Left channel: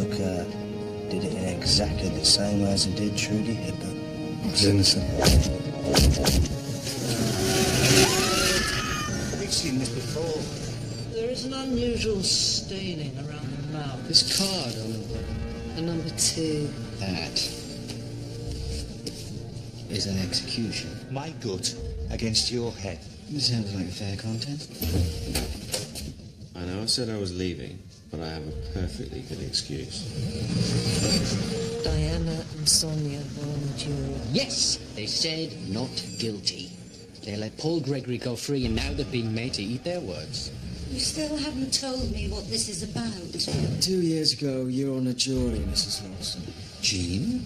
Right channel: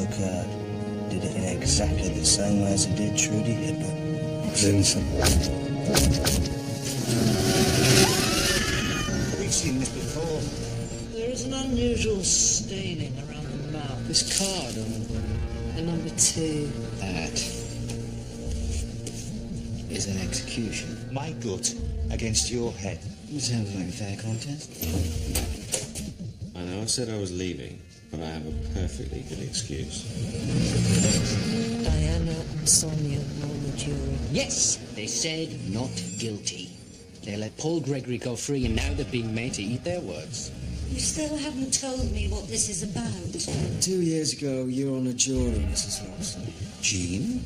took her, did it in exactly the same way as he did Trudy Hibbert. I was innocent. We've seen this before. There is an unusual staining around the mouth. This card on her body. A number 2. That is an execution. My gut against your head. It sounds like a fair contest. I know I said I was leaving, but I have a perfectly good excuse. Diana and Sonia were on the jury. Yes, they said not guilty. They let Paul Gregory go free, and now they've been made to eat their words. You still haven't told me what this is about. 2 years ago, you were on a jury, Mrs. Lawson. Jean?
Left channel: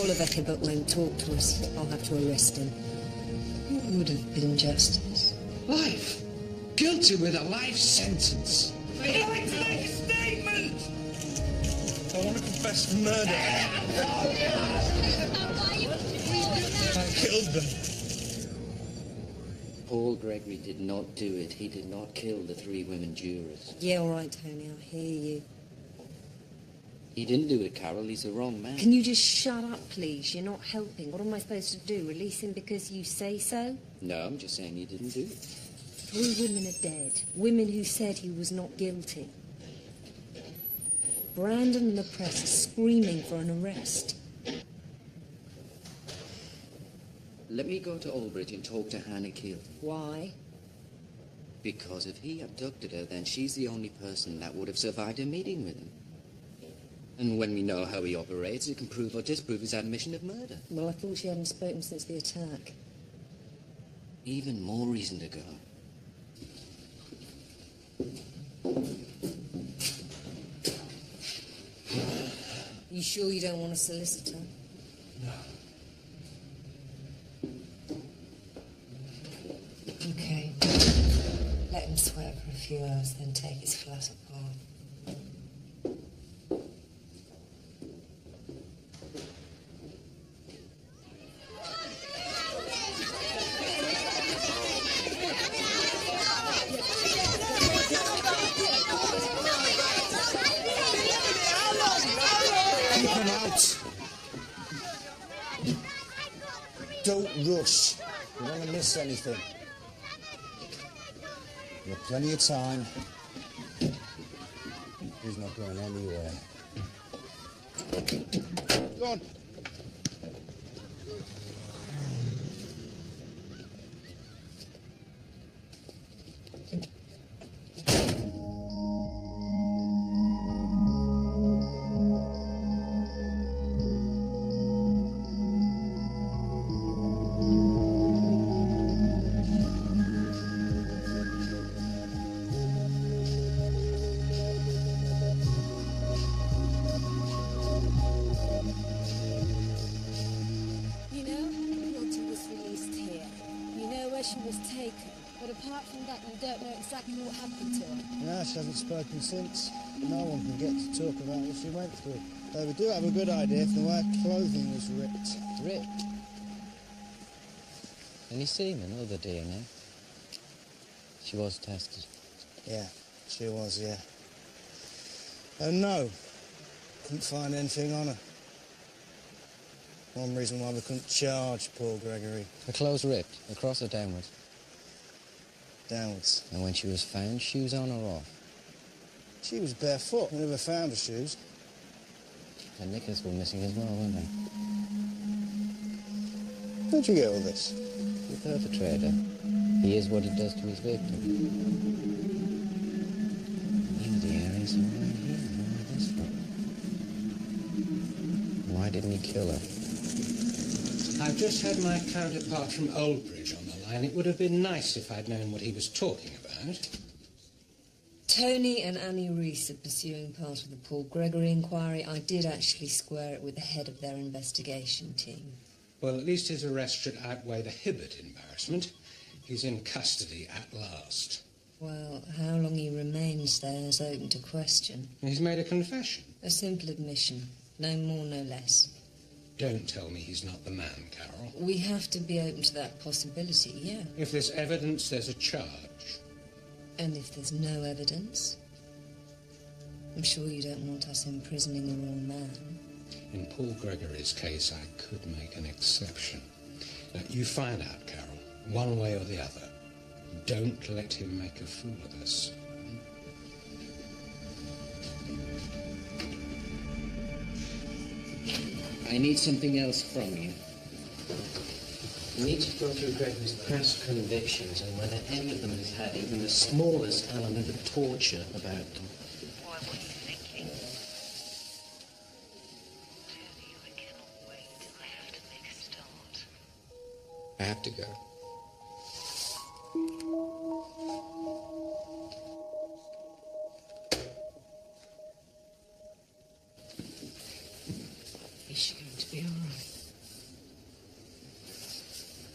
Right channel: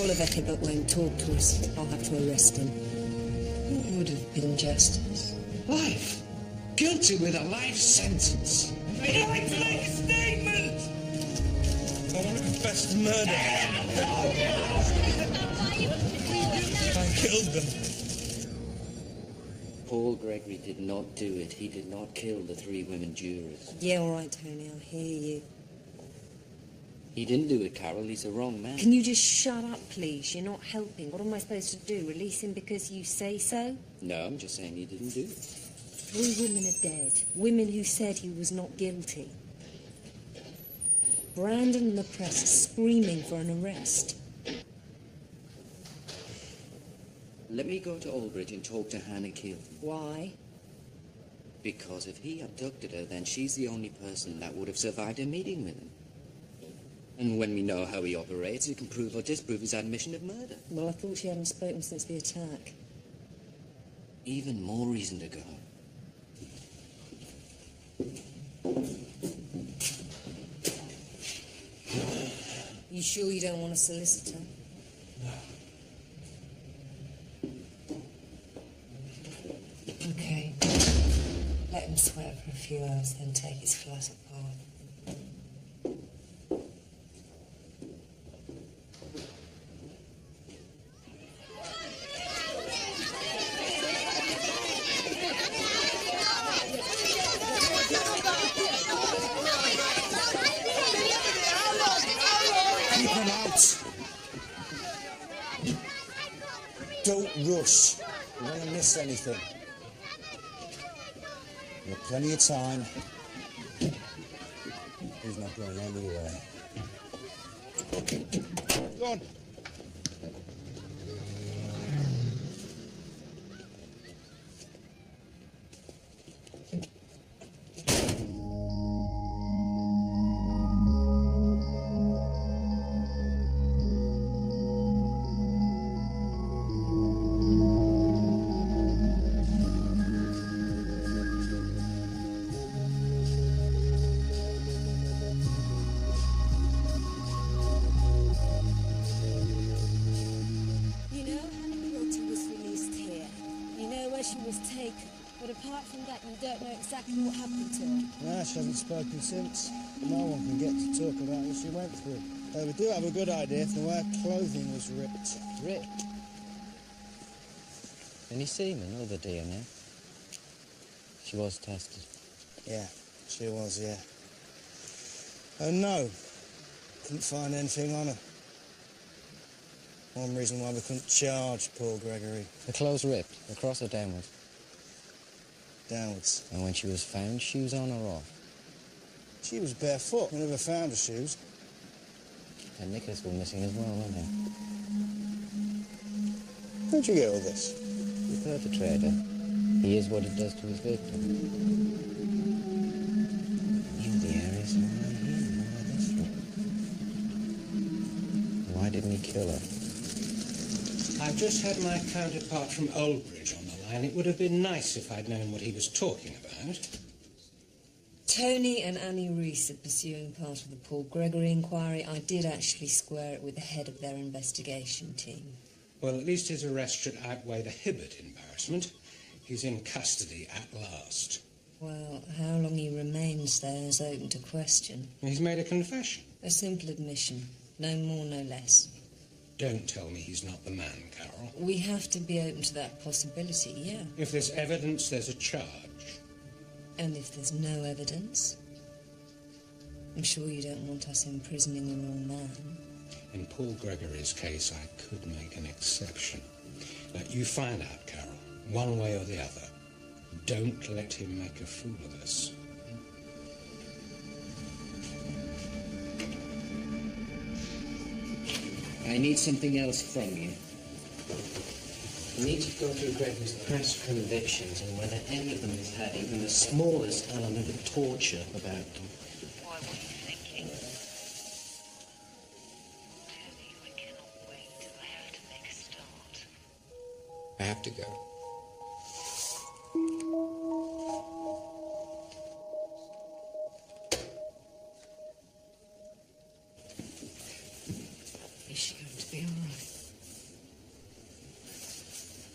Oliver Hibbert won't talk to us. I'll have to arrest him. What would have been justice? Life. Guilty with a life sentence. I'd like to make a statement! I want to confess the murder. I killed them. Paul Gregory did not do it. He did not kill the 3 women jurors. Yeah, all right, Tony, I'll hear you. He didn't do it, Carol. He's the wrong man. Can you just shut up, please? You're not helping. What am I supposed to do? Release him because you say so? No, I'm just saying he didn't do it. 3 women are dead. Women who said he was not guilty. Brandon and the press are screaming for an arrest. Let me go to Aldbridge and talk to Hannah Kill. Why? Because if he abducted her, then she's the only person that would have survived a meeting with him. And when we know how he operates, it can prove or disprove his admission of murder. Well, I thought she hadn't spoken since the attack. Even more reason to go. You sure you don't want a solicitor? No. Okay. Let him sweat for a few hours, then take his flat apart. Keep them out. Don't rush. We don't want to miss anything. We've got plenty of time. He's not going anywhere. Go on. You know, Hannah Kilty was released here. You know where she was taken. But apart from that, you don't know exactly what happened to her. No, she hasn't spoken since. No one can get to talk about what she went through. Though we do have a good idea from the way her clothing was ripped. Ripped? Any semen, other DNA? She was tested. Yeah, she was, yeah. And no, couldn't find anything on her. One reason why we couldn't charge Paul Gregory. Her clothes ripped, across or downwards? Downwards. And when she was found, shoes on or off? She was barefoot. We never found her shoes. Her knickers were missing as well, weren't they? Where'd you get all this? The perpetrator. He is what he does to his victim. He knew the area, so why here? Why this from? Why didn't he kill her? I've just had my counterpart from Oldbridge on the line. It would have been nice if I'd known what he was talking about. Tony and Annie Reese are pursuing part of the Paul Gregory inquiry. I did actually square it with the head of their investigation team. Well, at least his arrest should outweigh the Hibbert embarrassment. He's in custody at last. Well, how long he remains there is open to question. He's made a confession. A simple admission. No more, no less. Don't tell me he's not the man, Carol. We have to be open to that possibility, yeah. If there's evidence, there's a charge. And if there's no evidence? I'm sure you don't want us imprisoning the wrong man. In Paul Gregory's case, I could make an exception. Now, you find out, Carol, one way or the other. Don't let him make a fool of us. I need something else from you. We need to go through Gregory's past convictions and whether any of them has had even the smallest element of torture about them. Why, what are you thinking? Tony, I cannot wait. I have to make a start. I have to go. Is she going to be all right?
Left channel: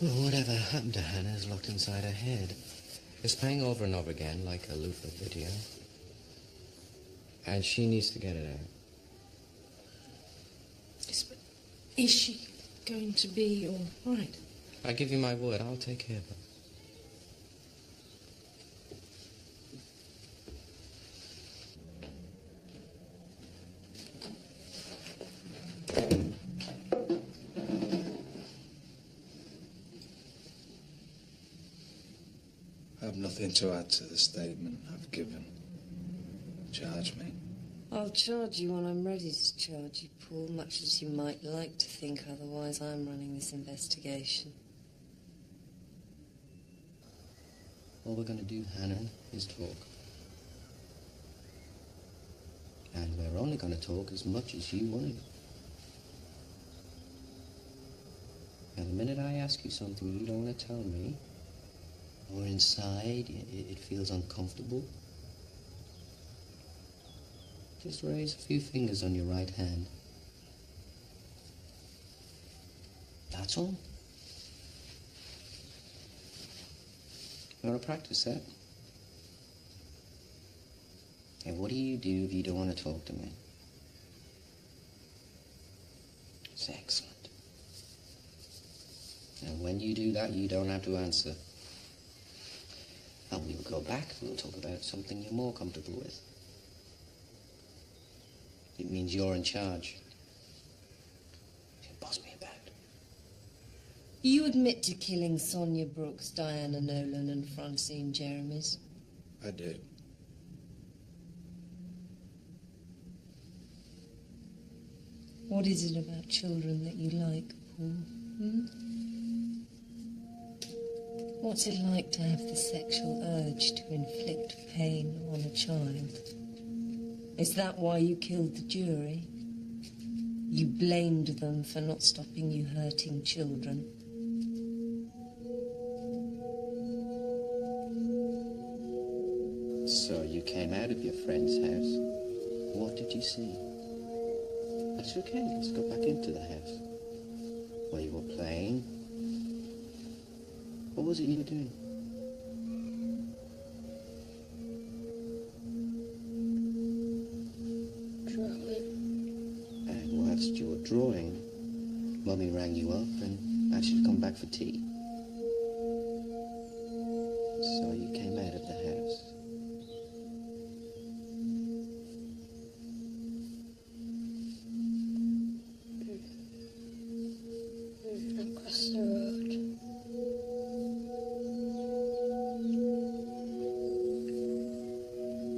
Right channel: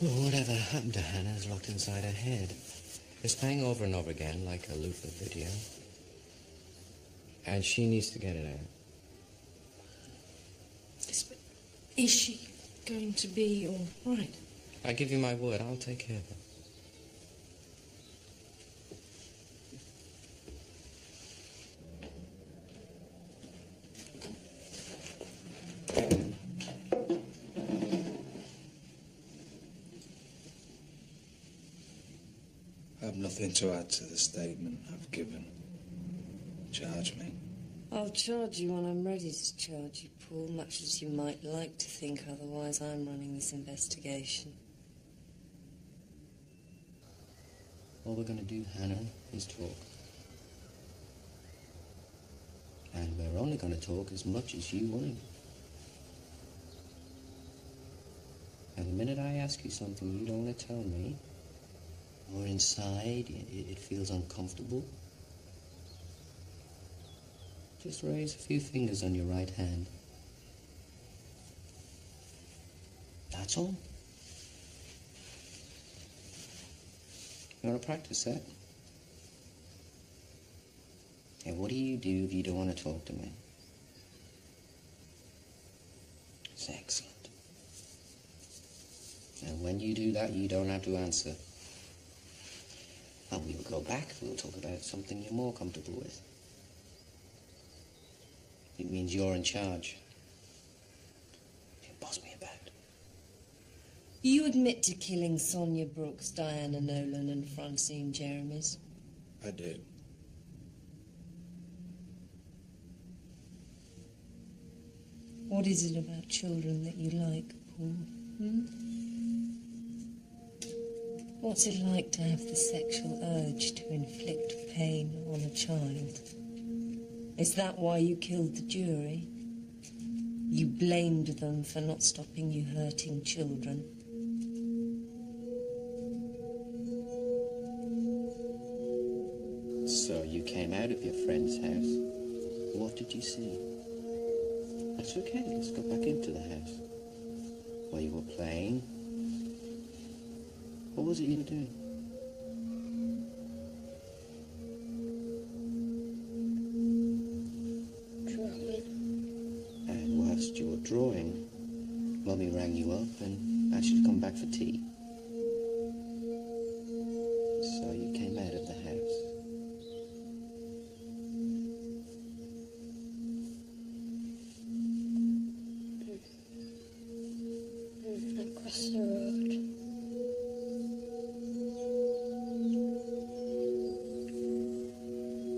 Well, whatever happened to Hannah is locked inside her head. It's playing over and over again like a loop of video. And she needs to get it out. Yes, but is she going to be all right? I give you my word, I'll take care of her. I have nothing to add to the statement I've given. Charge me. I'll charge you when I'm ready to charge you, Paul, much as you might like to think otherwise. I'm running this investigation. All we're going to do, Hannah, is talk. And we're only going to talk as much as you want to. Now, the minute I ask you something you don't want to tell me, or inside it feels uncomfortable, just raise a few fingers on your right hand. That's all. You want to practice that? And what do you do if you don't want to talk to me? It's excellent. And when you do that, you don't have to answer. And we'll go back, we'll talk about something you're more comfortable with. It means you're in charge. You can boss me about. You admit to killing Sonia Brooks, Diana Nolan and Francine Jeremies? I do. What is it about children that you like, Paul? Hmm? What's it like to have the sexual urge to inflict pain on a child? Is that why you killed the jury? You blamed them for not stopping you hurting children. So you came out of your friend's house. What did you see? That's okay, let's go back into the house. Where you were playing. What was it you were doing? Drawing. And whilst you were drawing, Mummy rang you up and asked you to come back for tea. So you came out of the house. Across the road.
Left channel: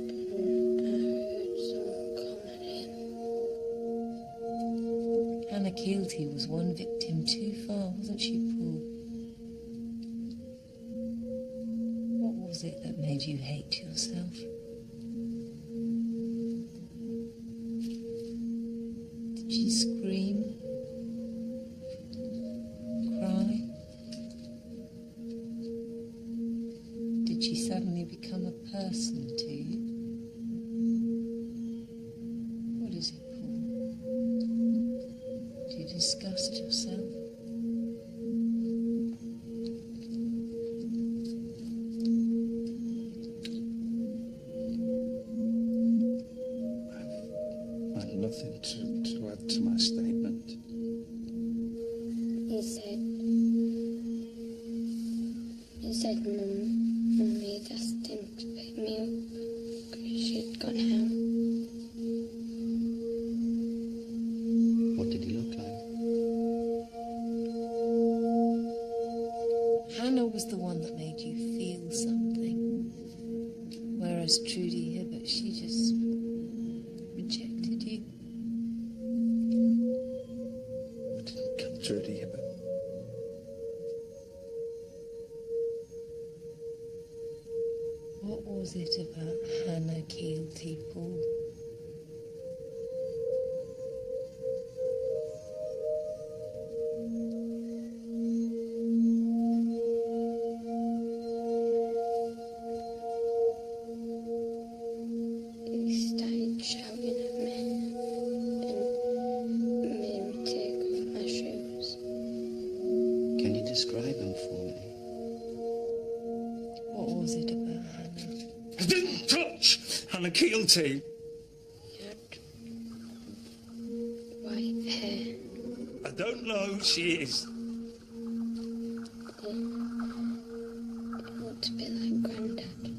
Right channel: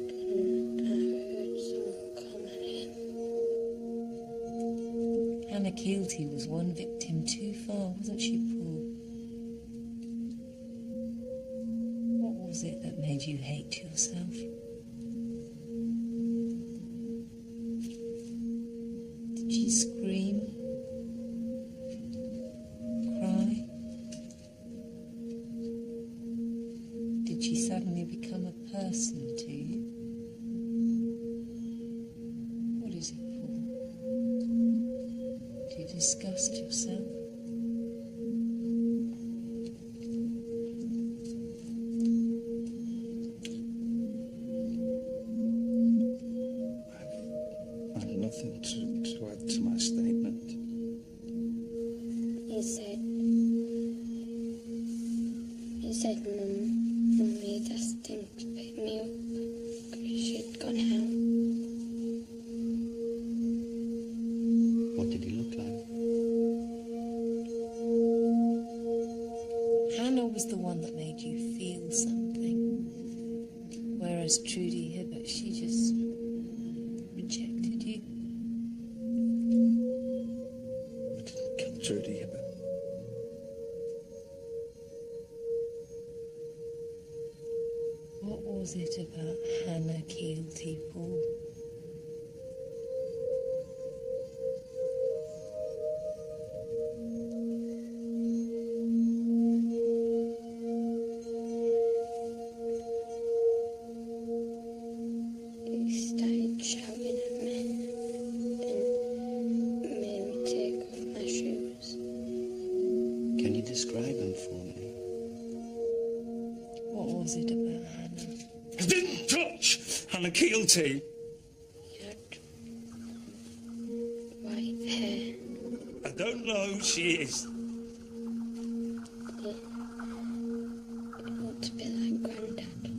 And I heard someone coming in. Hannah Keelty was one victim too far, wasn't she, Paul? What was it that made you hate yourself? Did she scream? Cry? Did she suddenly become a person to you? What is it, Paul? Do you disgust yourself? I've nothing to add to my statement. He said Mum had asked him to pick me up because she'd gone out. did he look like? Hannah was the one that made you feel something. Whereas Trudy Hibbert, she just rejected you. I didn't kill Trudy Hibbert. What was it about Hannah Keelty, Paul? He started shouting at me and made me take off my shoes. Can you describe him for me? What was it about Hannah? I didn't touch Hannah Keelty. He had white hair. I don't know who she is. He looked a bit like Grandad.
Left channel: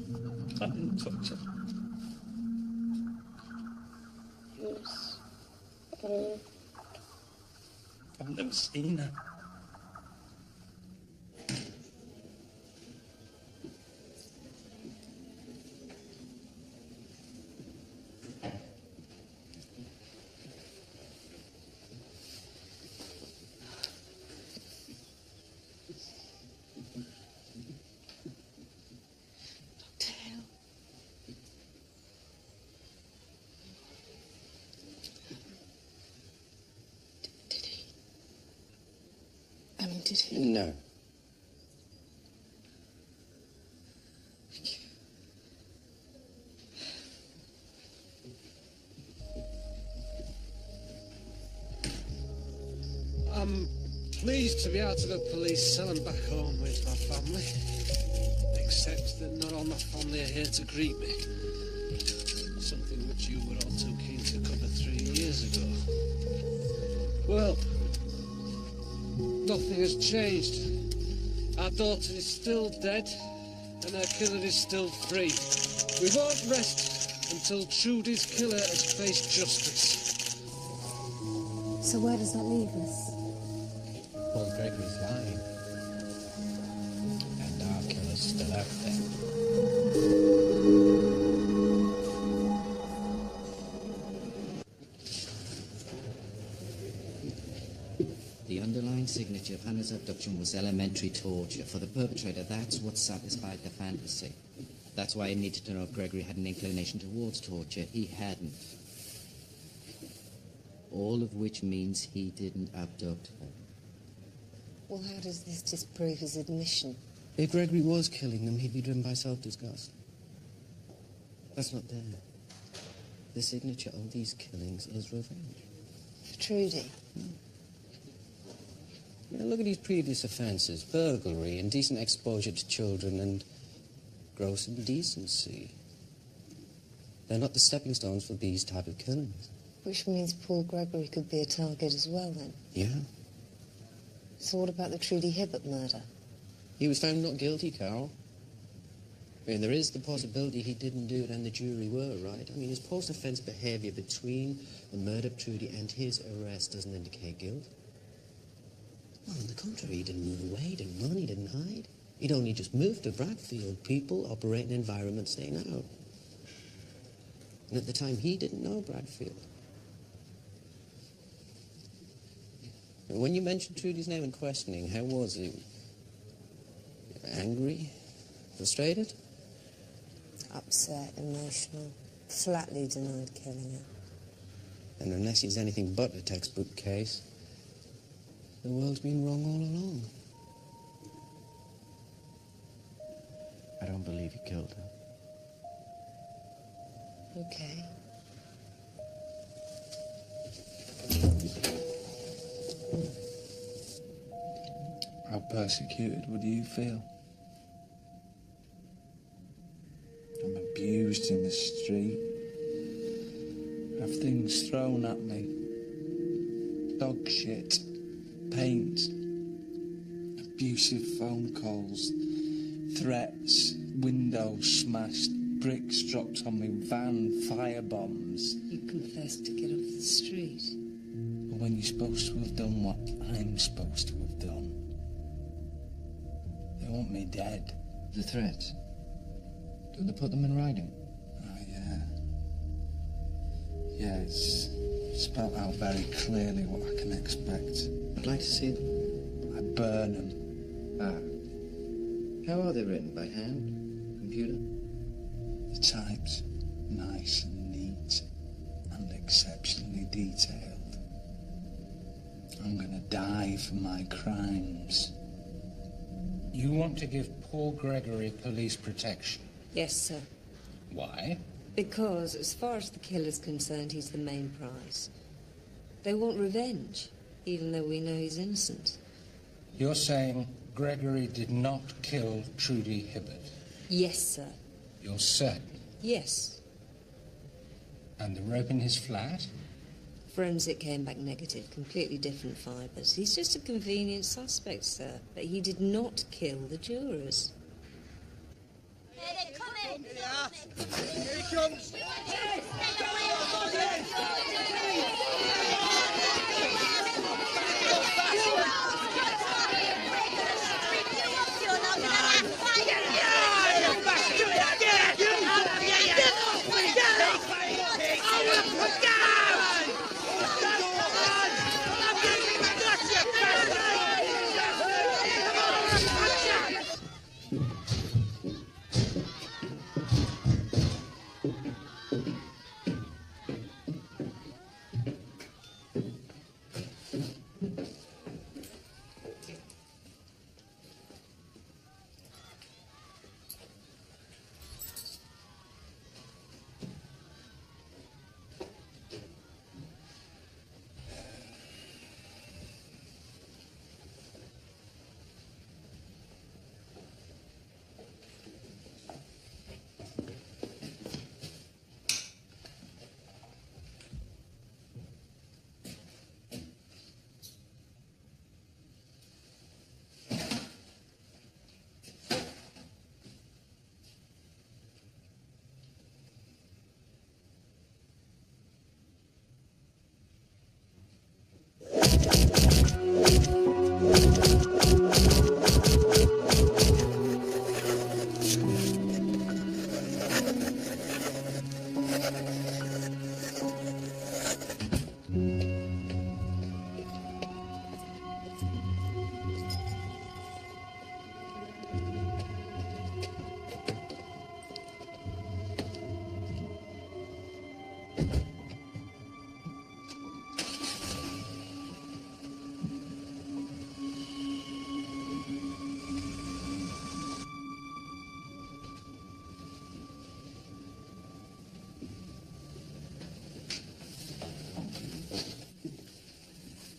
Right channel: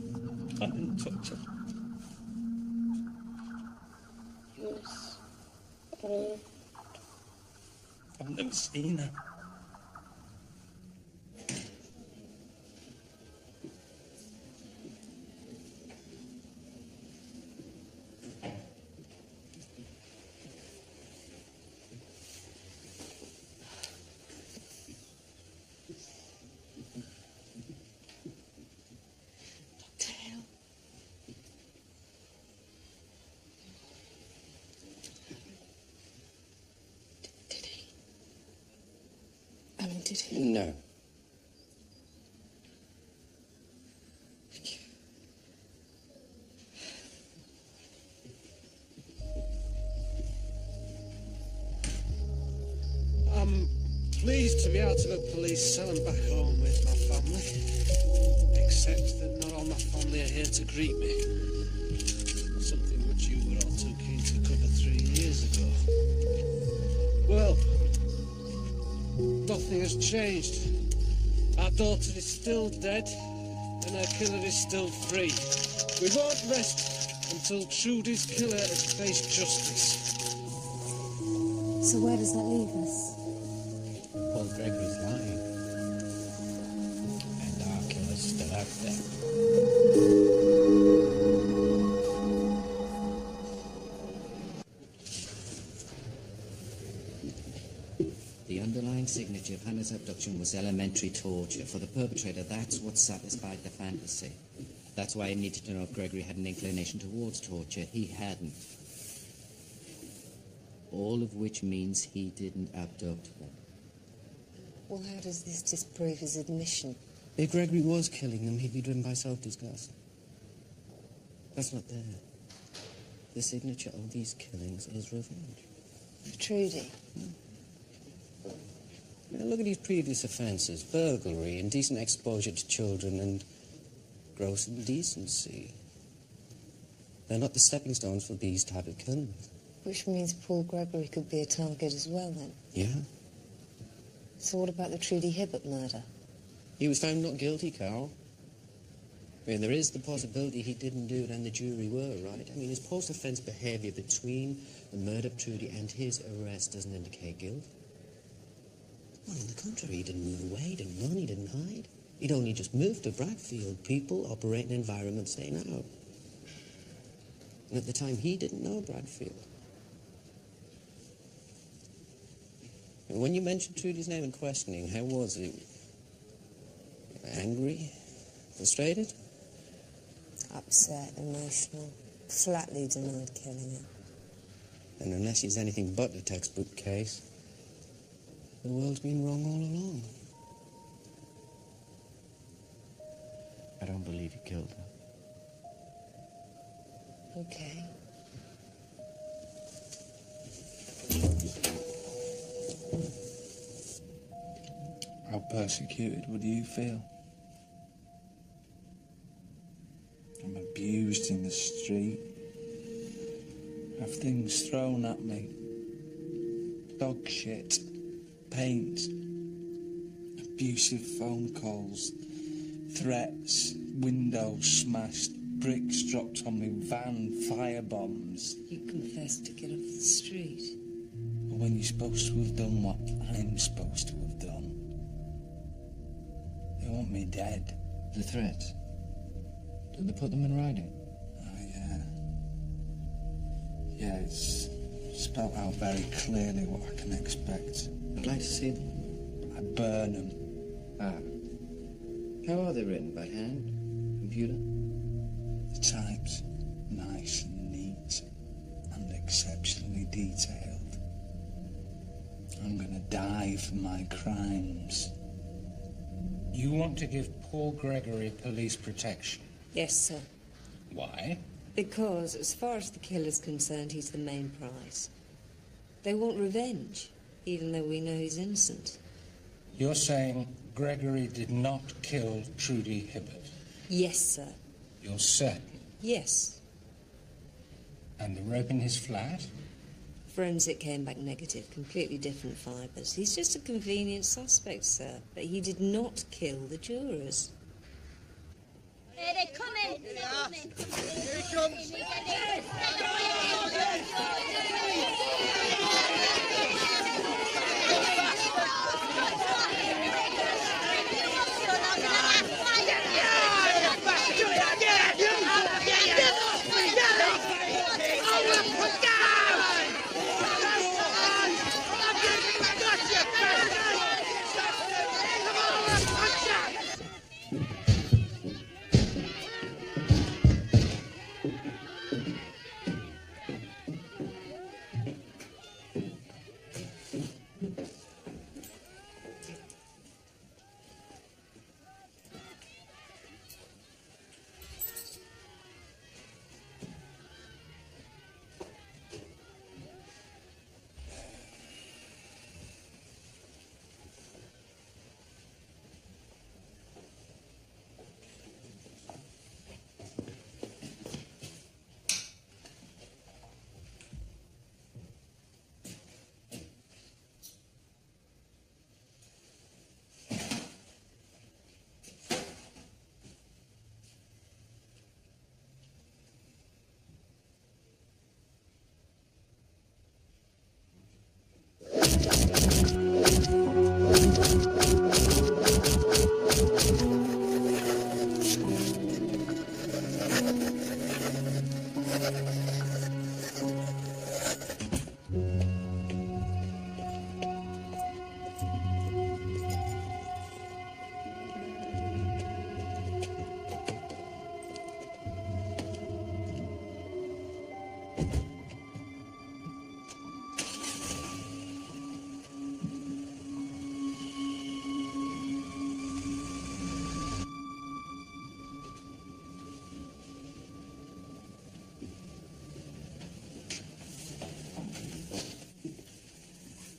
I didn't touch her. He was old. I've never seen her. Did he? I mean, did he? No. Thank you. I'm pleased to be out of a police cell and back home with my family. Except that not all my family are here to greet me. Something which you were all too keen to cover 3 years ago. Well, nothing has changed. Our daughter is still dead, and her killer is still free. We won't rest until Trudy's killer has faced justice. So where does that leave us? Paul Gregory's lying. And our killer's still out there. The underlying signature of Hannah's abduction was elementary torture. For the perpetrator, that's what satisfied the fantasy. That's why he needed to know if Gregory had an inclination towards torture. He hadn't. All of which means he didn't abduct her. Well, how does this disprove his admission? If Gregory was killing them, he'd be driven by self-disgust. That's not there. The signature of these killings is revenge. For Trudy? Now, look at his previous offences. Burglary, indecent exposure to children, and gross indecency. They're not the stepping stones for these type of killings. Which means Paul Gregory could be a target as well, then. Yeah. So what about the Trudy Hibbert murder? He was found not guilty, Carol. I mean, there is the possibility he didn't do it and the jury were, right? I mean, his post-offence behaviour between the murder of Trudy and his arrest doesn't indicate guilt. Well, on the contrary, he didn't move away, he didn't run, he didn't hide. He'd only just moved to Bradfield. People operate in environments they know. And at the time, he didn't know Bradfield. And when you mentioned Trudy's name in questioning, how was he? Angry? Frustrated? Upset, emotional, flatly denied killing her. And unless he's anything but a textbook case, the world's been wrong all along. I don't believe he killed her. Okay. How persecuted would you feel? I'm abused in the street. I have things thrown at me. Dog shit. Paint. Abusive phone calls. Threats. Windows smashed. Bricks dropped on me. Van. Fire bombs. You confessed to get off the street. when you're supposed to have done what I'm supposed to have done. They want me dead. The threats? Did they put them in writing? Oh, yeah. Yeah, it's spelled out very clearly what I can expect. I'd like to see them. I burn them. Ah. How are they written? By hand? Computer? The type's nice and neat and exceptionally detailed. I'm gonna die for my crimes. You want to give Paul Gregory police protection? Yes, sir. Why? Because, as far as the killer's concerned, he's the main prize. They want revenge, even though we know he's innocent. You're saying Gregory did not kill Trudy Hibbert? Yes, sir. You're certain? Yes. And the rope in his flat? Forensic came back negative, completely different fibres. He's just a convenient suspect, sir, but he did not kill the jurors. Hey, they're coming! They're coming! Hey! Get out of here! Back off! Off! Back off! Open the door! Back off!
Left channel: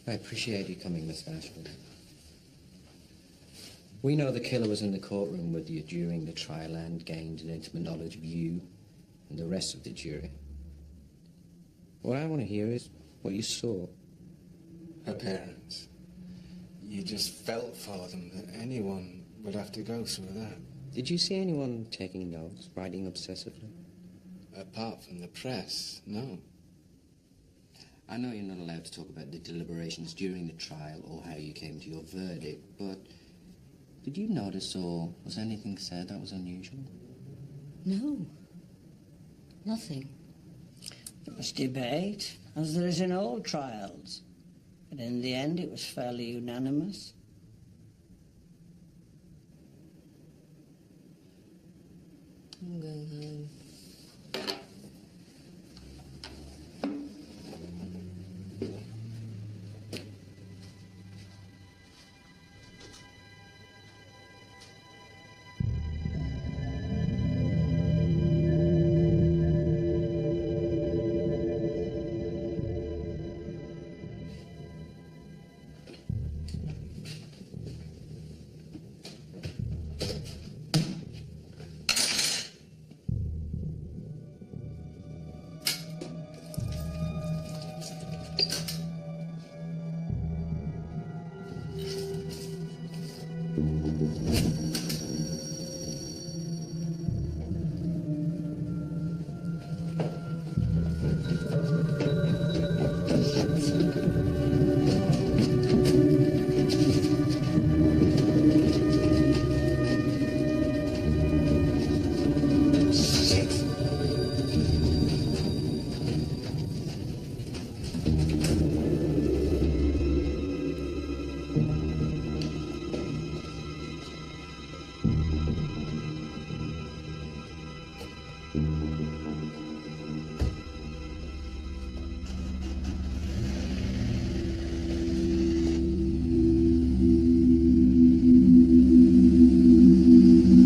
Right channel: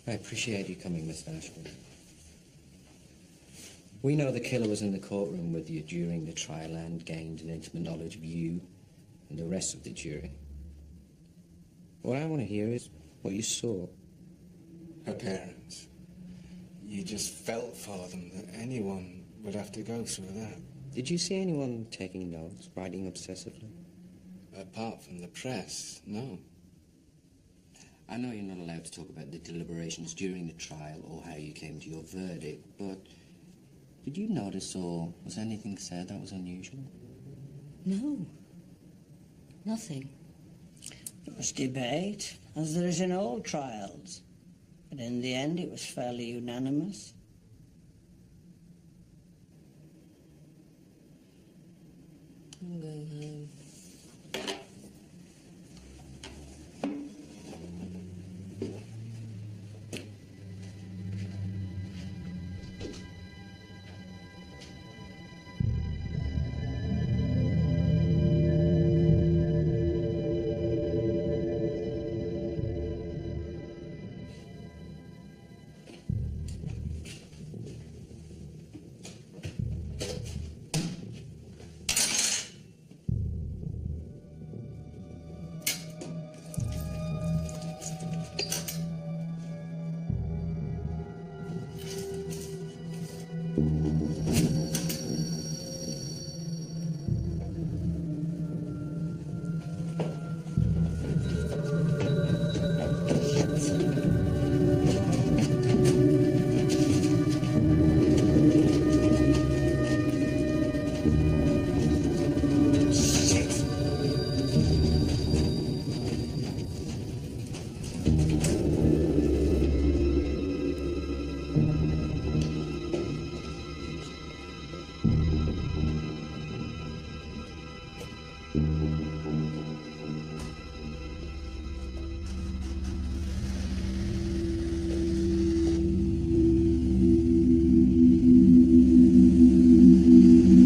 I appreciate you coming, Mr. Ashford. We know the killer was in the courtroom with you during the trial and gained an intimate knowledge of you and the rest of the jury. What I want to hear is what you saw. Her parents. You just felt for them that anyone would have to go through that. Did you see anyone taking notes, writing obsessively? Apart from the press, no. I know you're not allowed to talk about the deliberations during the trial or how you came to your verdict, but did you notice or was anything said that was unusual? No. Nothing. There was debate, as there is in all trials. But in the end, it was fairly unanimous. I'm going home.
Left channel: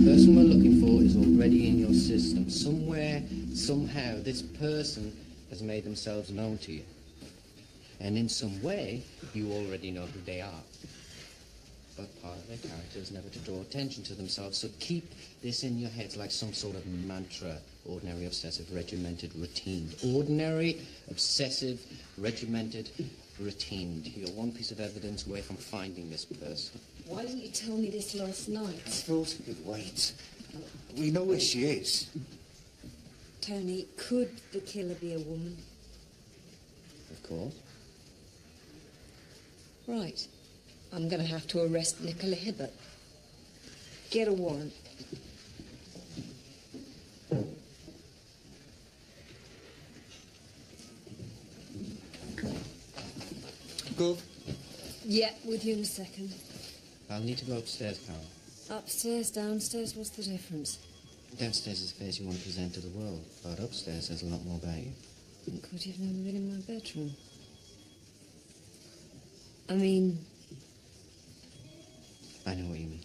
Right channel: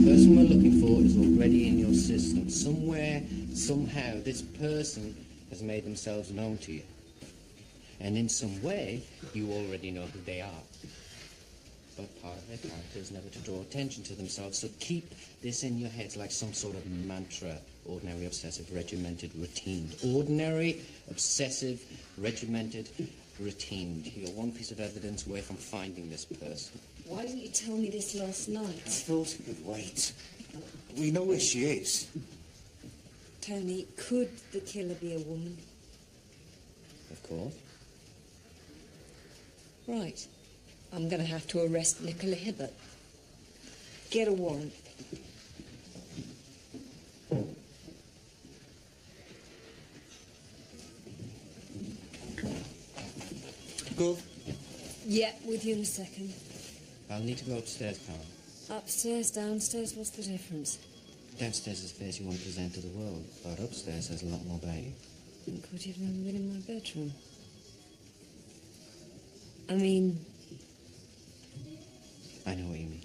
person we're looking for is already in your system. Somewhere, somehow, this person has made themselves known to you. And in some way, you already know who they are. But part of their character is never to draw attention to themselves, so keep this in your heads like some sort of mantra. Ordinary, obsessive, regimented, routine. Ordinary, obsessive, regimented, routine. You're one piece of evidence away from finding this person. Why didn't you tell me this last night? I thought it could wait. We know where she is. Tony, could the killer be a woman? Of course. Right. I'm going to have to arrest Nicola Hibbert. Get a warrant. Go. Yeah, with you in a second. I'll need to go upstairs, Carol. Upstairs, downstairs, what's the difference? Downstairs is the face you want to present to the world, but upstairs has a lot more about you. Good, you've never been in my bedroom. I mean... I know what you mean.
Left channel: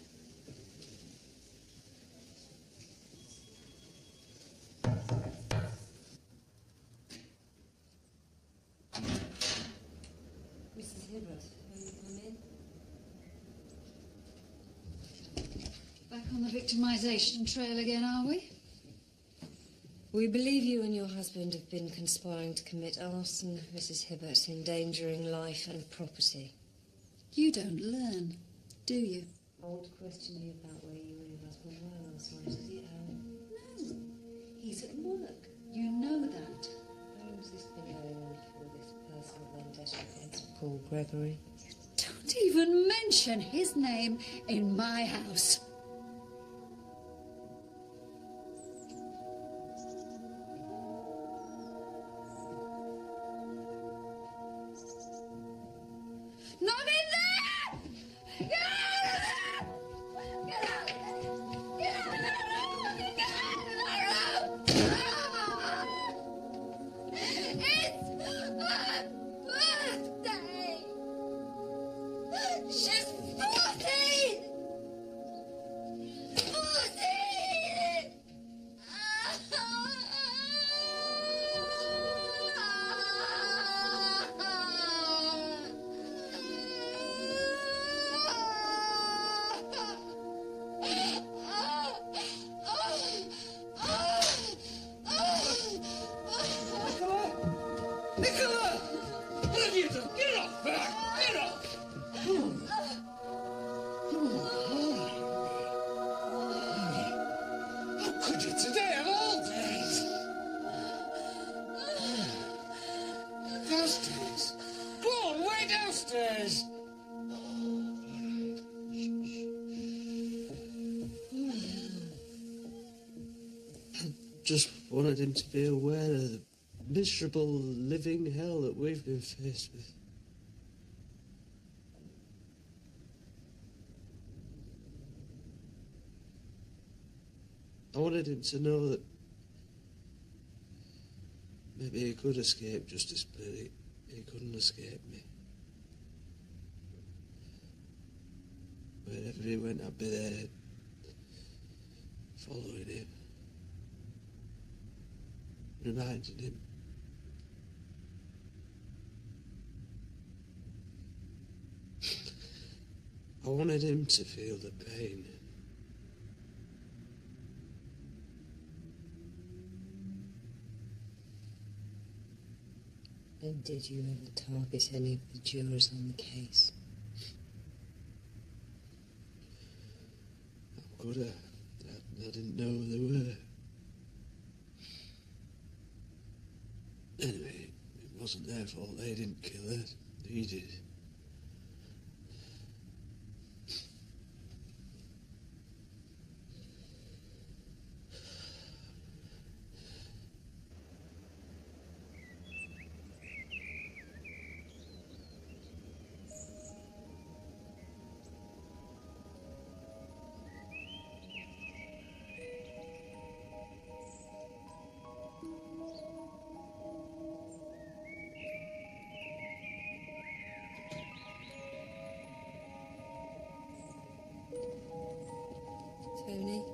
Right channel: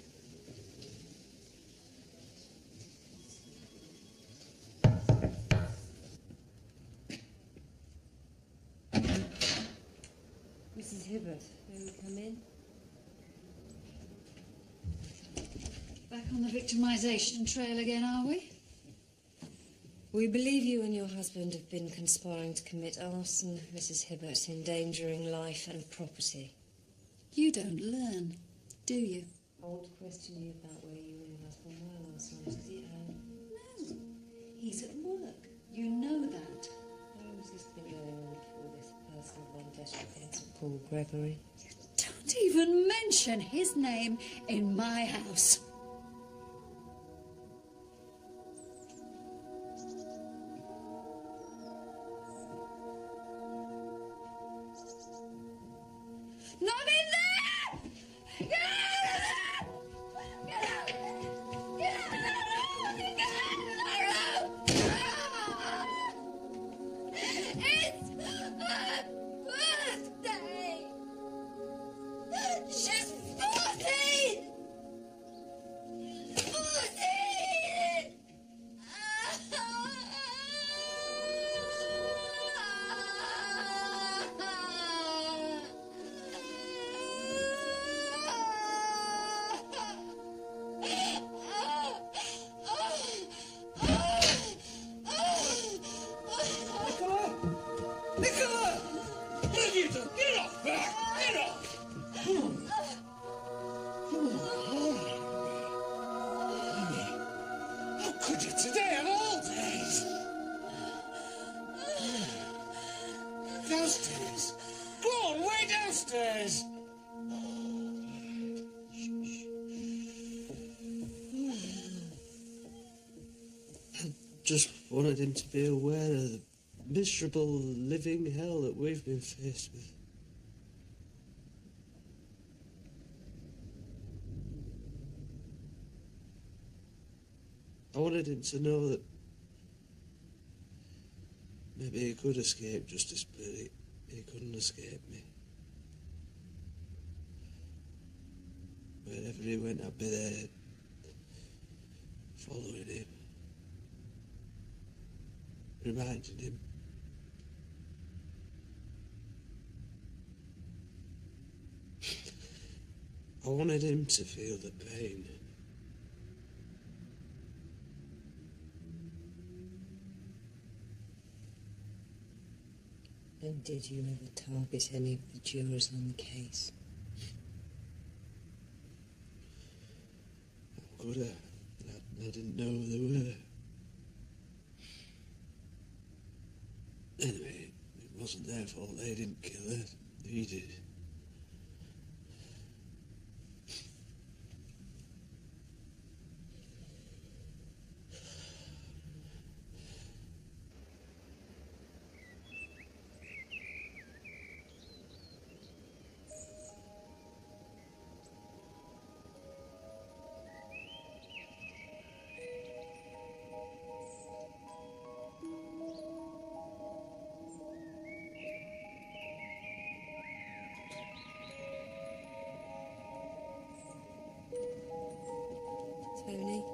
Mrs. Hibbert, may we come in? Back on the victimisation trail again, are we? We believe you and your husband have been conspiring to commit arson, Mrs. Hibbert, endangering life and property. You don't learn, do you? I want to question you about where you and your husband were last night. Is he at home? No, he's at work. You know that. How long has this been going on for this personal vendetta against Paul Gregory? Don't even mention his name in my house. Not in there! Get out of there! Get out of there! Get out of the room! Get out of the room! It's her birthday! She's 14! 14! Nicola! Nicola! What have you done? Get off her! Get off! Come on. Come on, all right, honey. How could you today of all days? Downstairs. Go on, way downstairs. Just wanted him to be aware of the miserable living hell that we've been faced with. I wanted him to know that maybe he could escape justice, but he couldn't escape me. Wherever he went, I'd be there, following him, reminding him. I wanted him to feel the pain. And did you ever target any of the jurors on the case? How could I didn't know who they were. Anyway, it wasn't their fault. They didn't kill her. He did. Tony,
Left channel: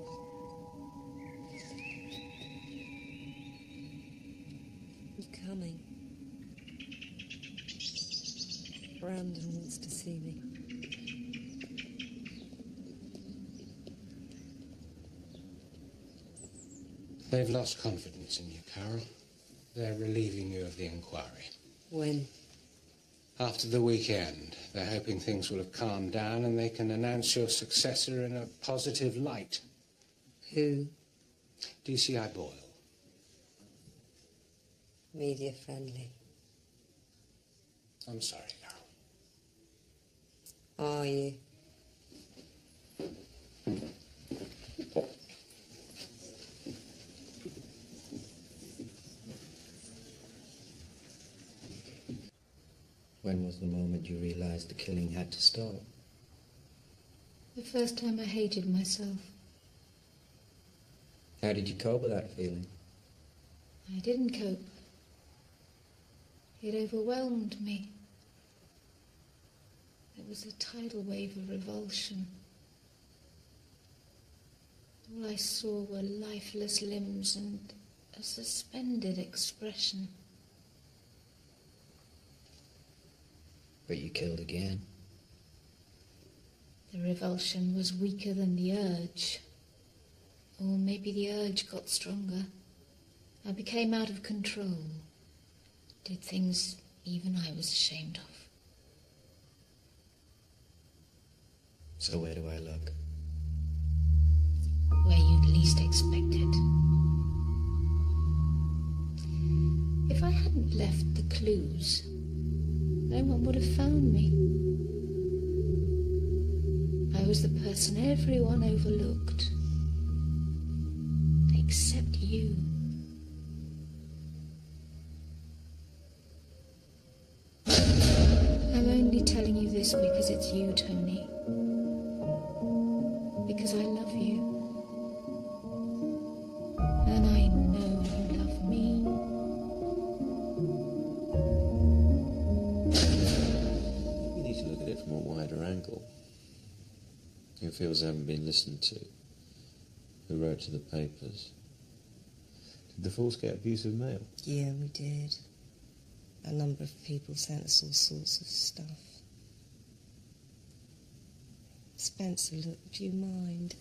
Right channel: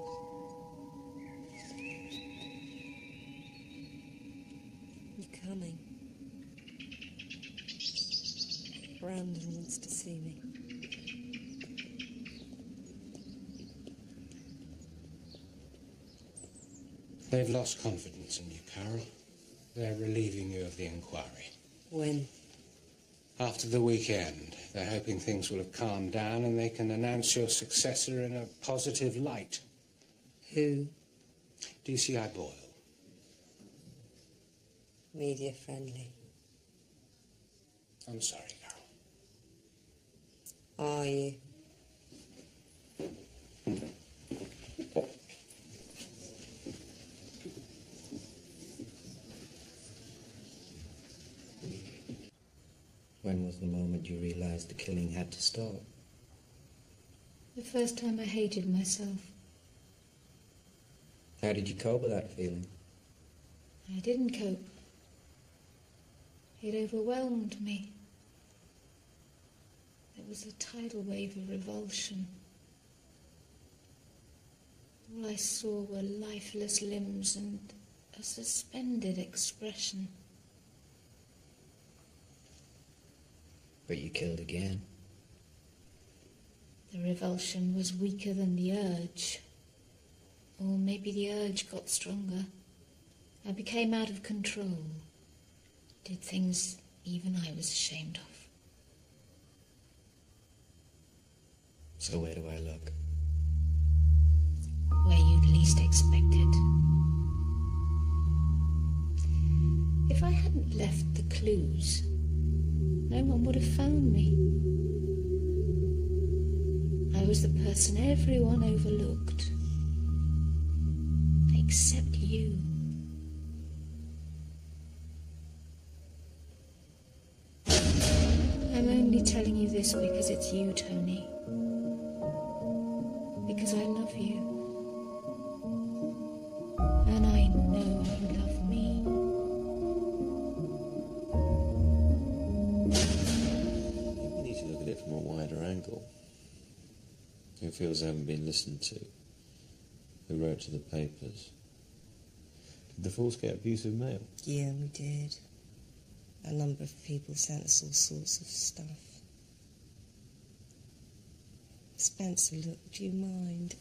wants to see me. They've lost confidence in you, Carol. They're relieving you of the inquiry. When? After the weekend. They're hoping things will have calmed down and they can announce your successor in a positive light. Who? DCI Boyle. Media friendly. I'm sorry, Carol. Are you? When was the moment you realized the killing had to stop? The first time I hated myself. How did you cope with that feeling? I didn't cope. It overwhelmed me. There was a tidal wave of revulsion. All I saw were lifeless limbs and a suspended expression. But you killed again. The revulsion was weaker than the urge. Or maybe the urge got stronger. I became out of control. Did things even I was ashamed of. So where do I look? Where you'd least expect it. If I hadn't left the clues, no one would have found me. I was the person everyone overlooked. Except you. I'm only telling you this because it's you, Tony. Because I love you. And I know you love me. Maybe we need to look at it from a wider angle. Who feels they haven't been listened to? Who wrote to the papers? Did the force get abusive mail? Yeah, we did. A number of people sent us all sorts of stuff. Spencer, look, do you mind?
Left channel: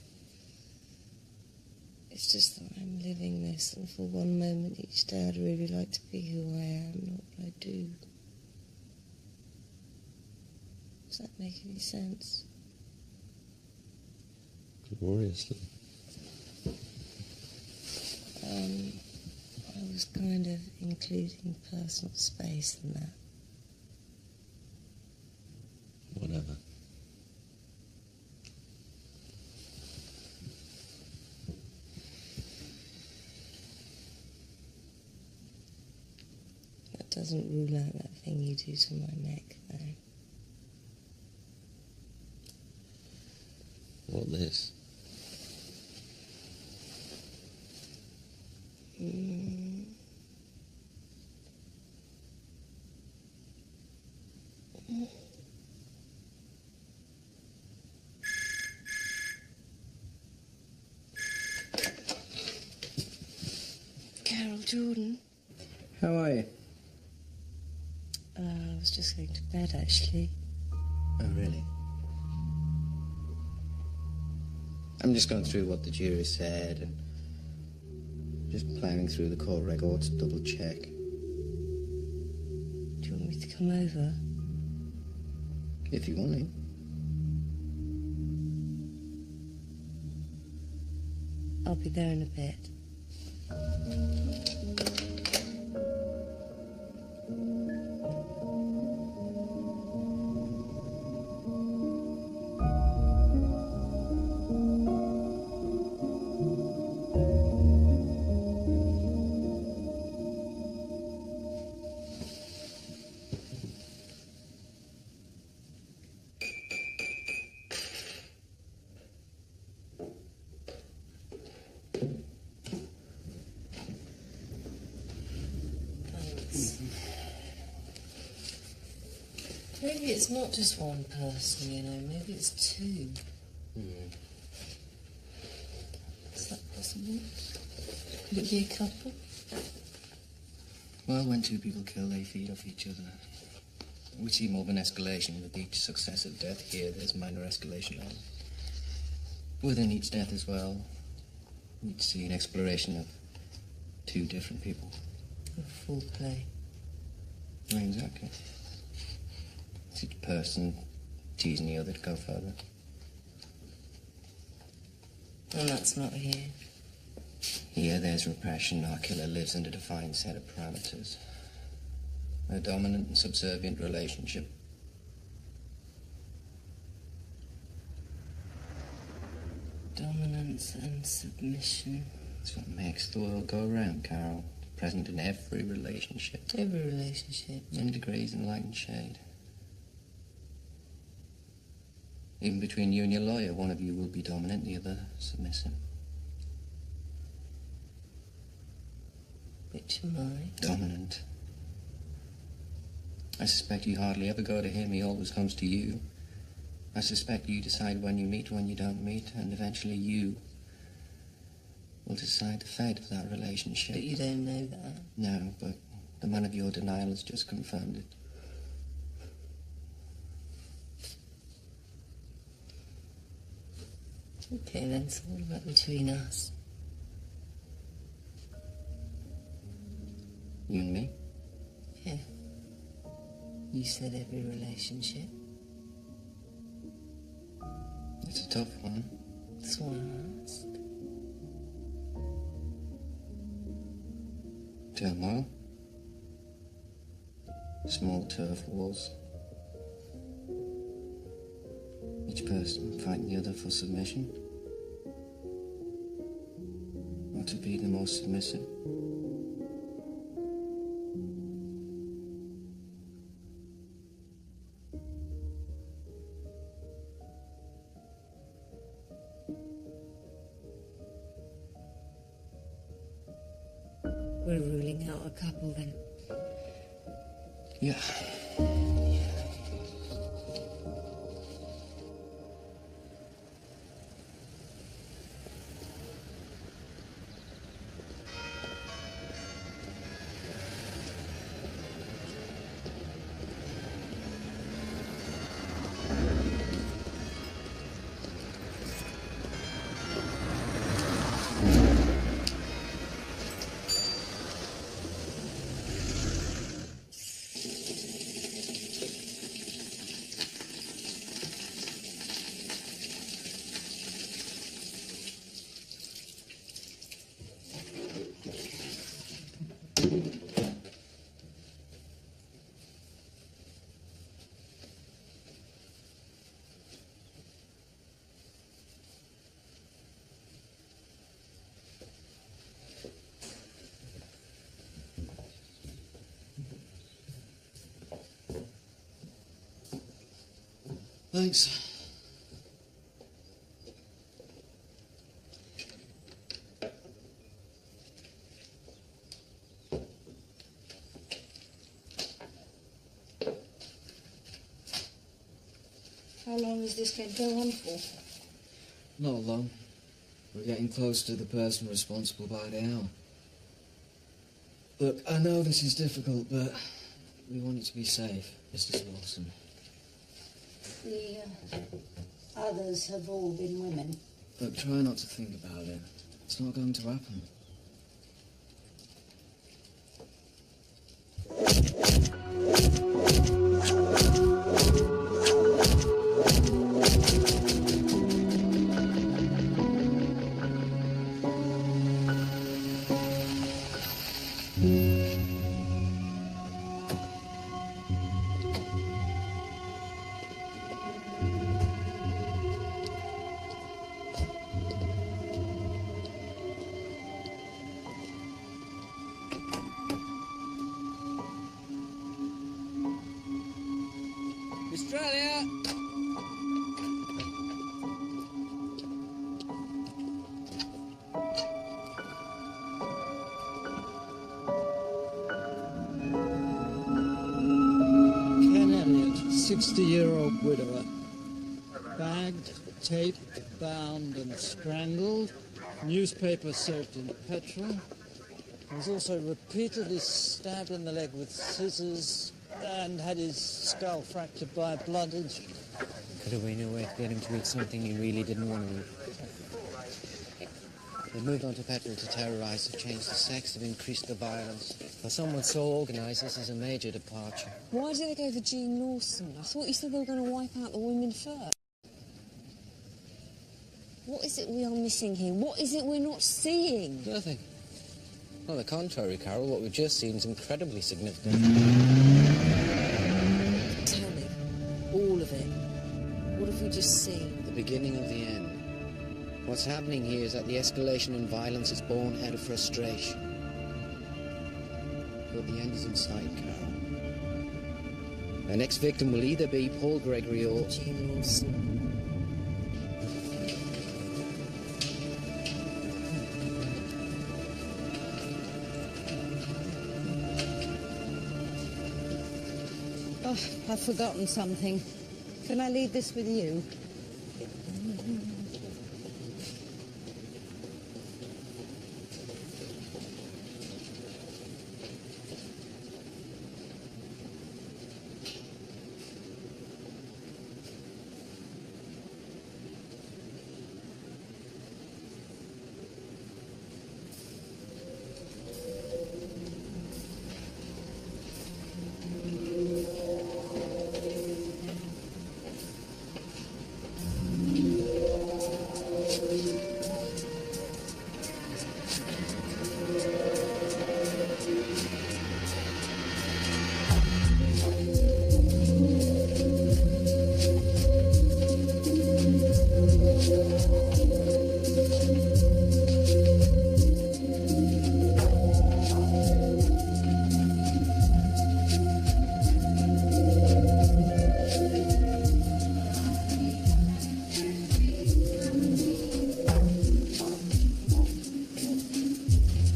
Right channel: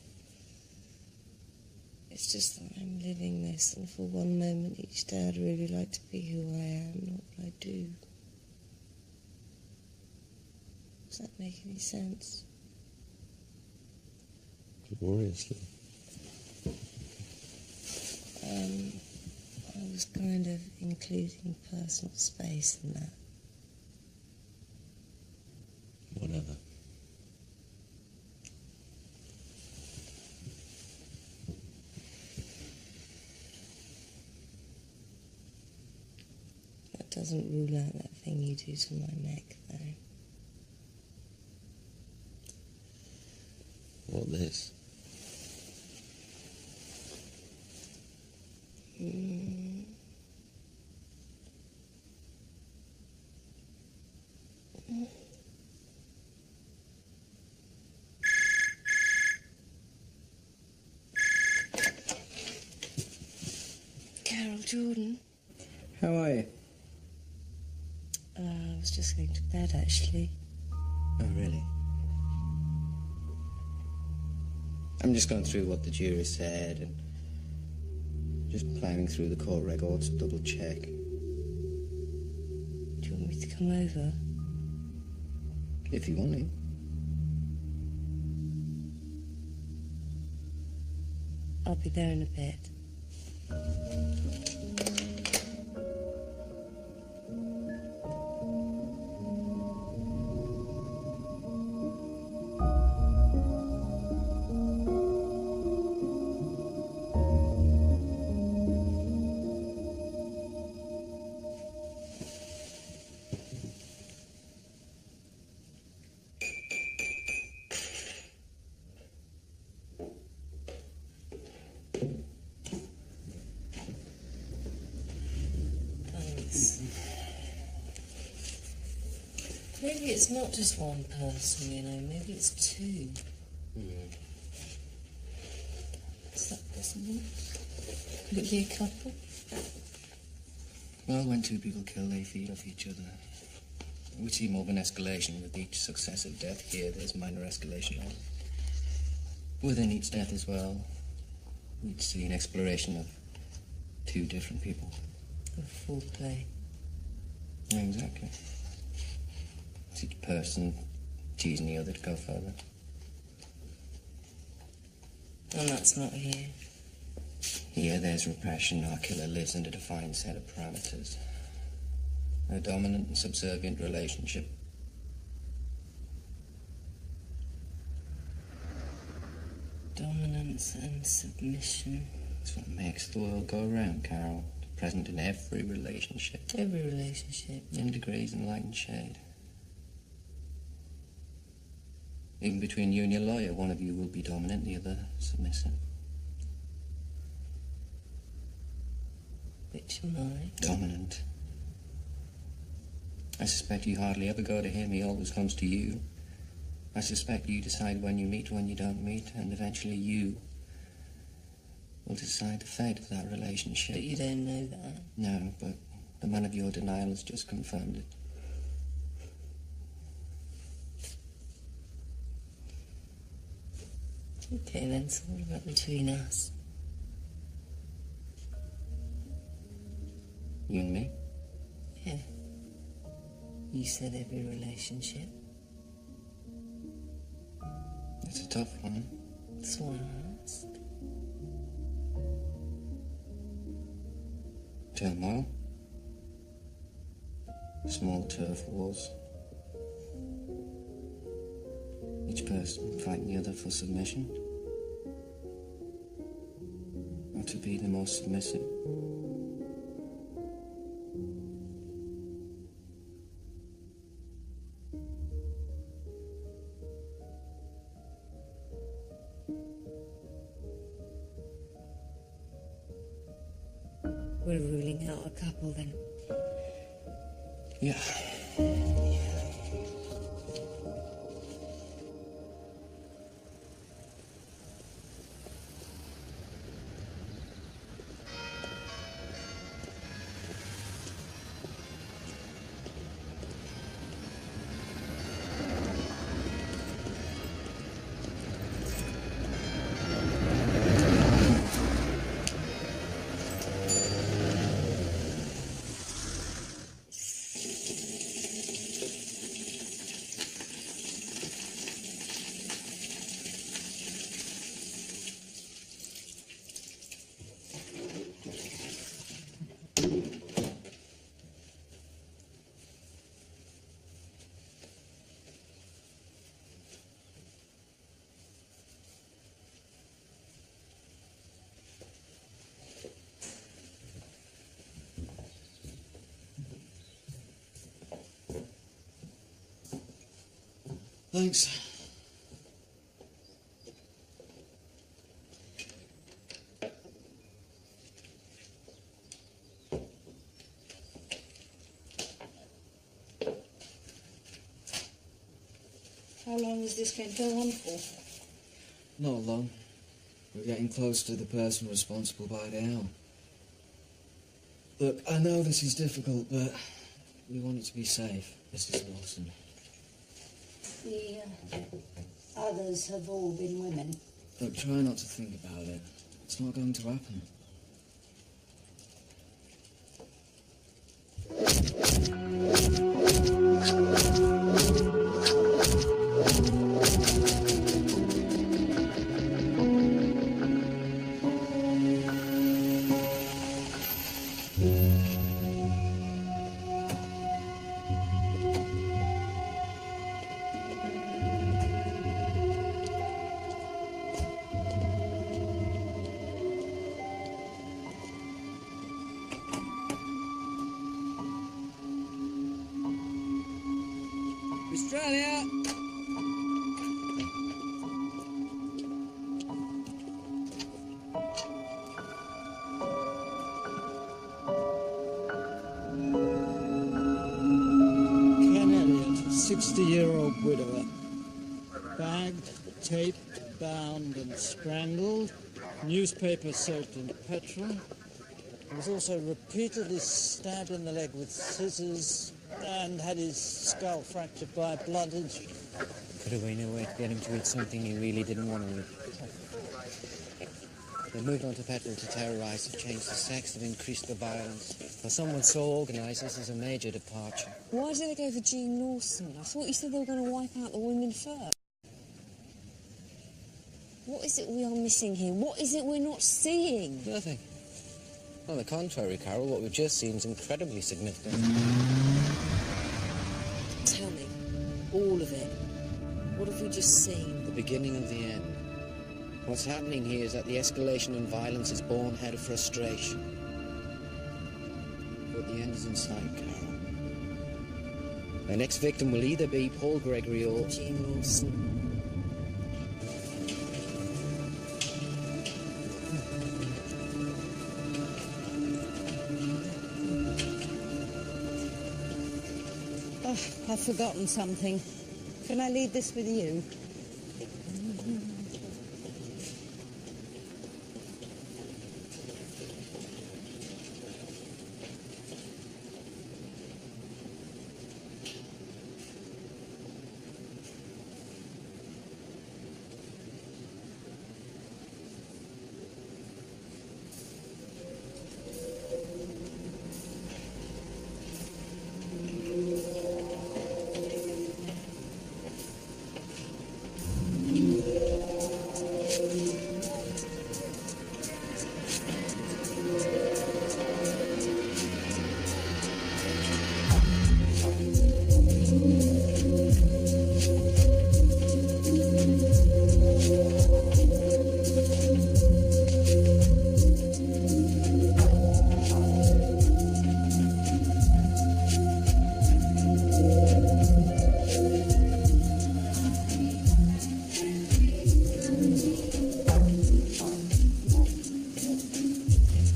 It's just that I'm living this, and for one moment each day I'd really like to be who I am, not what I do. Does that make any sense? Gloriously. I was kind of including personal space in that. Whatever. That doesn't rule out that thing you do to my neck, though. What, this? Carol Jordan. How are you? I was just going to bed, actually. Oh, really? I'm just going through what the jury said and just plowing through the court records to double check. Do you want me to come over? If you want to. I'll be there in a bit. Maybe it's not just one person, you know, maybe it's two. Is that possible? Could it be a couple? Well, when two people kill, they feed off each other. We see more of an escalation with each successive death. Here, there's minor escalation on. Within each death as well, we'd see an exploration of two different people. Of full play. Exactly. It's each person teasing the other to go further. And that's not here. Here, there's repression. Our killer lives in a defined set of parameters. A dominant and subservient relationship. Dominance and submission. That's what makes the world go round, Carol. Present in every relationship. Every relationship. In degrees and light and shade. Even between you and your lawyer, one of you will be dominant, the other submissive. Which am I? Dominant. I suspect you hardly ever go to him, he always comes to you. I suspect you decide when you meet, when you don't meet, and eventually you will decide the fate of that relationship. But you don't know that. No, but the man of your denial has just confirmed it. Okay, then, so what about between us? You and me? Yeah. You said every relationship. It's a tough one. That's why I asked. Turmoil. Small turf wars. Each person fighting the other for submission. Or to be the most submissive. We're ruling out a couple, then. Yeah. Thanks. How long is this going to go on for? Not long. We're getting close to the person responsible by the hour. Look, I know this is difficult, but we want it to be safe, Mrs. Wilson. The others have all been women. Look, try not to think about it. It's not going to happen. Australia! Ken Elliott, 60-year-old widower. Bagged, taped, bound and strangled. Newspaper soaked in petrol. He was also repeatedly stabbed in the leg with scissors and had his skull fractured by a blunt instrument. Could have been a way to get him to eat something he really didn't want to eat. They've moved on to petrol to terrorise, they've changed the sex, they've increased the violence. For someone so organised, this is a major departure. Why did they go for Jean Lawson? I thought you said they were going to wipe out the women first. What is it we are missing here? What is it we're not seeing? Nothing. On the contrary, Carol, what we've just seen is incredibly significant. Tell me, all of it. What have we just seen? The beginning of the end. What's happening here is that the escalation in violence is born out of frustration. But the end is in sight, Carol. The next victim will either be Paul Gregory or Jean Lawson. Oh, I've forgotten something. Can I leave this with you?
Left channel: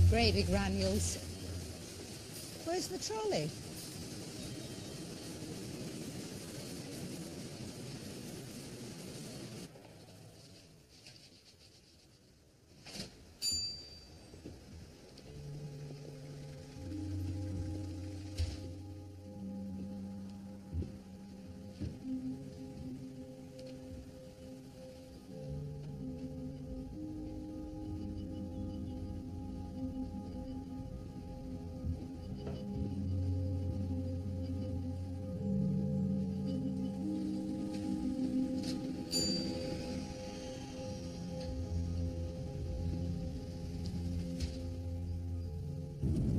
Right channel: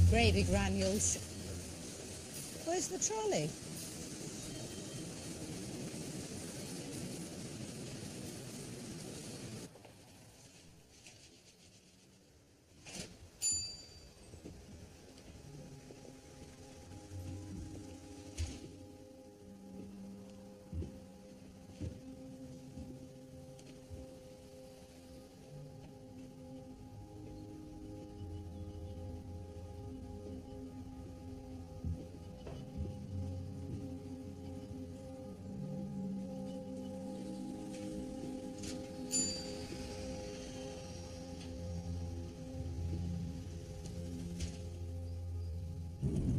Gravy granules. Where's the trolley?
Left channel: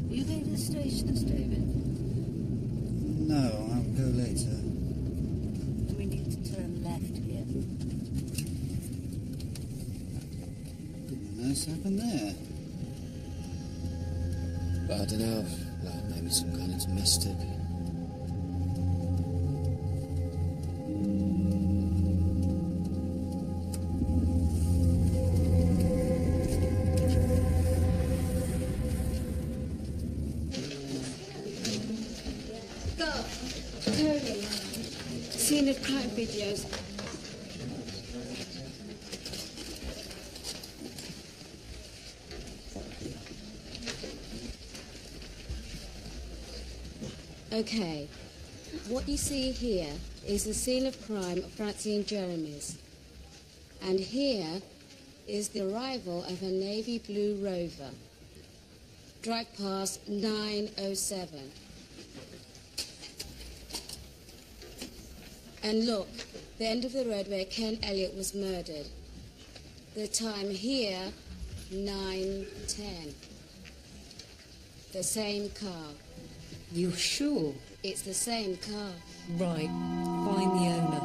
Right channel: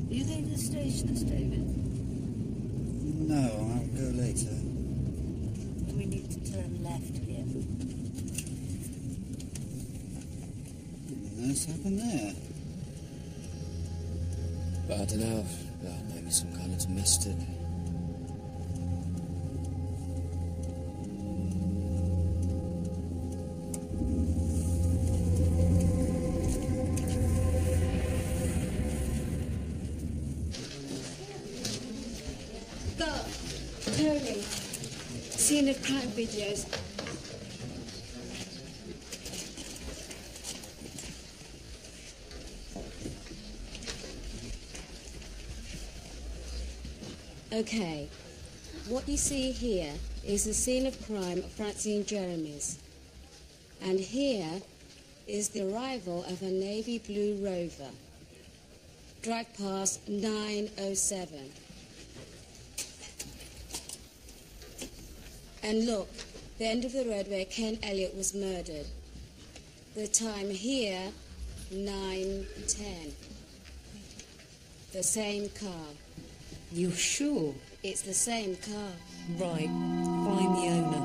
Are you going to the stationers, David? No, I'll go later. We need to turn left here. What on earth's happened there? I don't know. Well, maybe some kind of domestic. Go. Tony. Scene of crime videos. Okay. What you see here is the scene of crime of Francine Jeremy's. And here is the arrival of a navy blue Rover. Drive past 907. And look, the end of the road where Ken Elliott was murdered. The time here, 9:10. The same car. You sure? It's the same car. Right. Find the owner.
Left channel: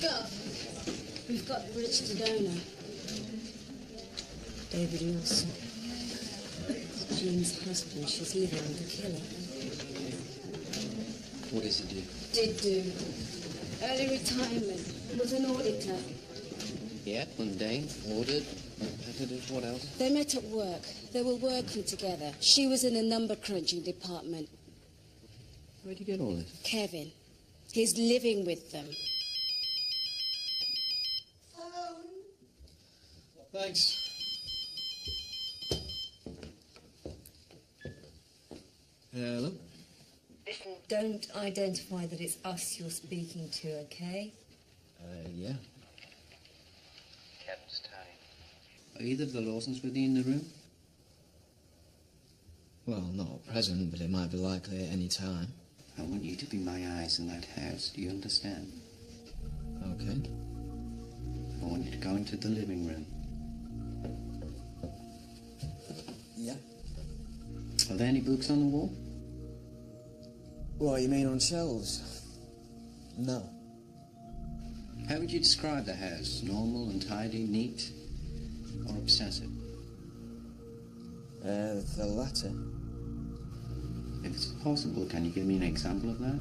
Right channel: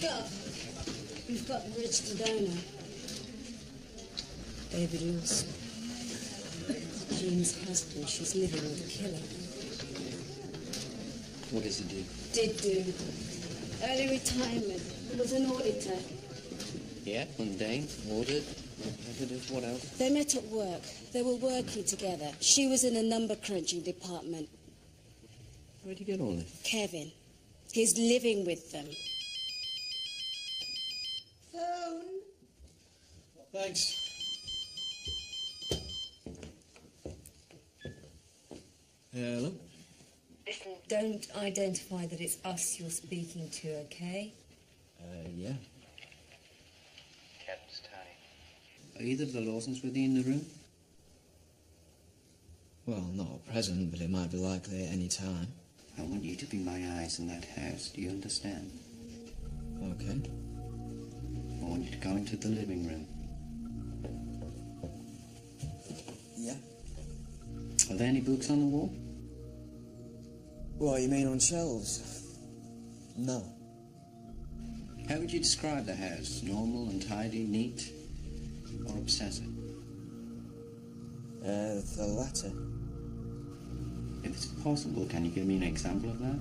Go. We've got the registered owner. David Lawson. Jean's husband. She's living with the killer. What does he do? Did do. Early retirement. Was an auditor. Yeah, mundane, ordered, repetitive, what else? They met at work. They were working together. She was in the number crunching department. Where'd you get all this? Kevin. He's living with them. Thanks. Hello? Listen, don't identify that it's us you're speaking to, okay? Yeah. Kevin's time. Are either of the Lawsons with you in the room? Well, not at present, but it might be likely at any time. I want you to be my eyes in that house. Do you understand? Okay. I want you to go into the living room. Yeah. Are there any books on the wall? What, you mean on shelves? No. How would you describe the house? Normal and tidy, neat, or obsessive? The latter. If it's possible, can you give me an example of that?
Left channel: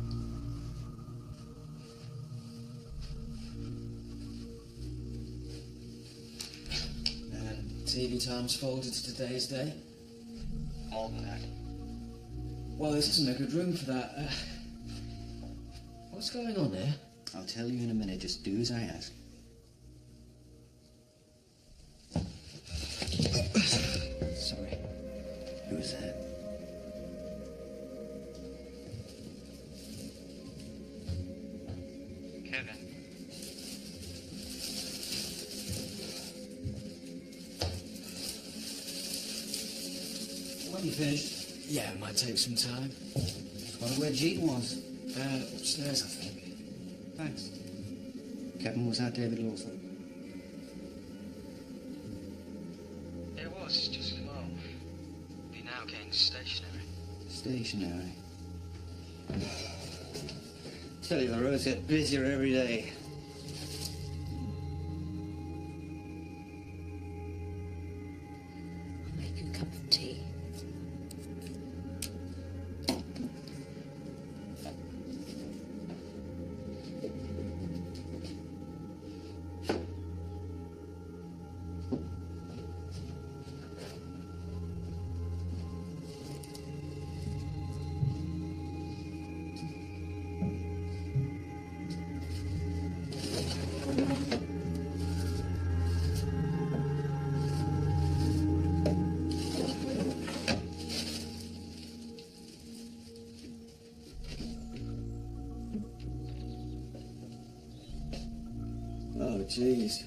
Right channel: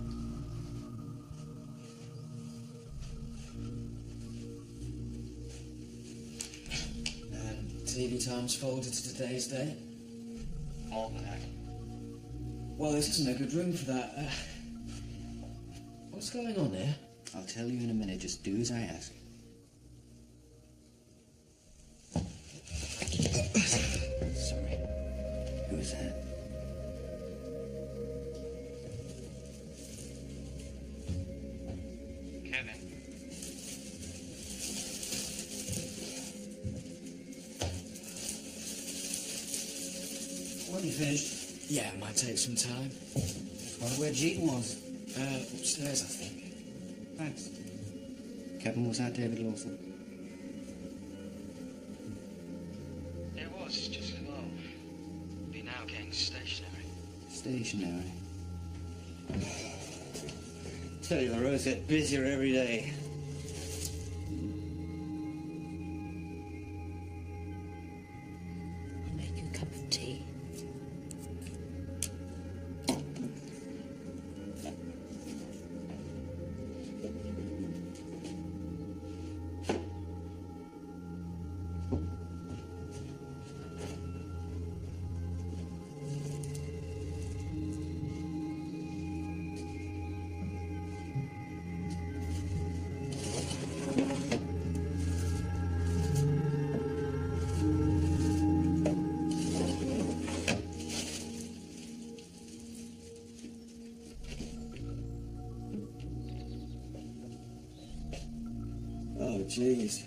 TV times folded to today's date. More than that. Well, this isn't a good room for that. What's going on here? I'll tell you in a minute. Just do as I ask. Sorry. Who was that? Kevin. When you finished? Yeah, it might take some time. Just wonder where Jean was. Upstairs, I think. Thanks. Kevin, was that David Lawson? It was, just come home. Been out getting stationery. Stationary. Tell you, the roads get busier every day. I'll make you a cup of tea. Oh, jeez.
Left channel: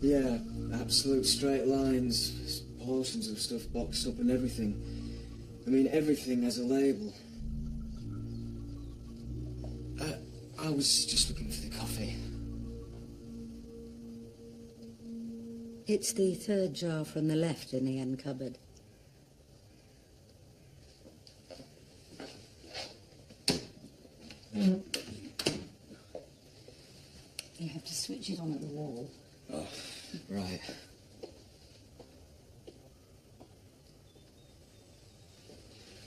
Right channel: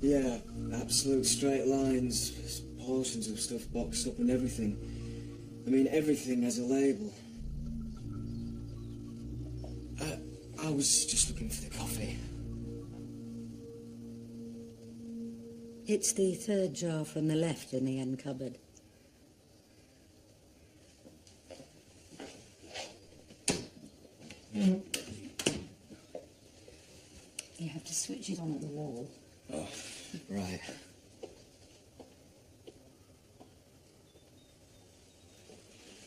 Yeah, absolute straight lines, portions of stuff boxed up and everything. I mean, everything has a label. I was just looking for the coffee. It's the third jar from the left in the end cupboard. You have to switch it on at the wall. Oh, right.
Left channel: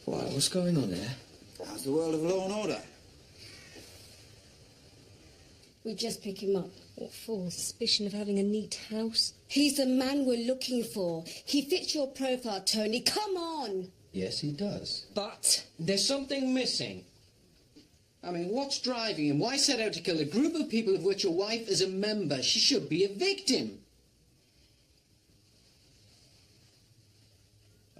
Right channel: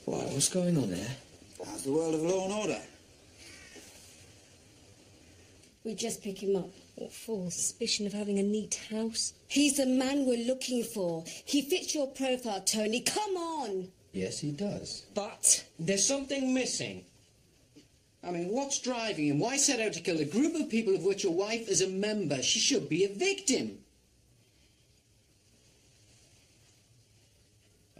Why, what's going on there? How's the world of law and order? We just pick him up. What for? Suspicion of having a neat house? He's the man we're looking for. He fits your profile, Tony. Come on! Yes, he does. But there's something missing. I mean, what's driving him? Why set out to kill a group of people of which your wife is a member? She should be a victim.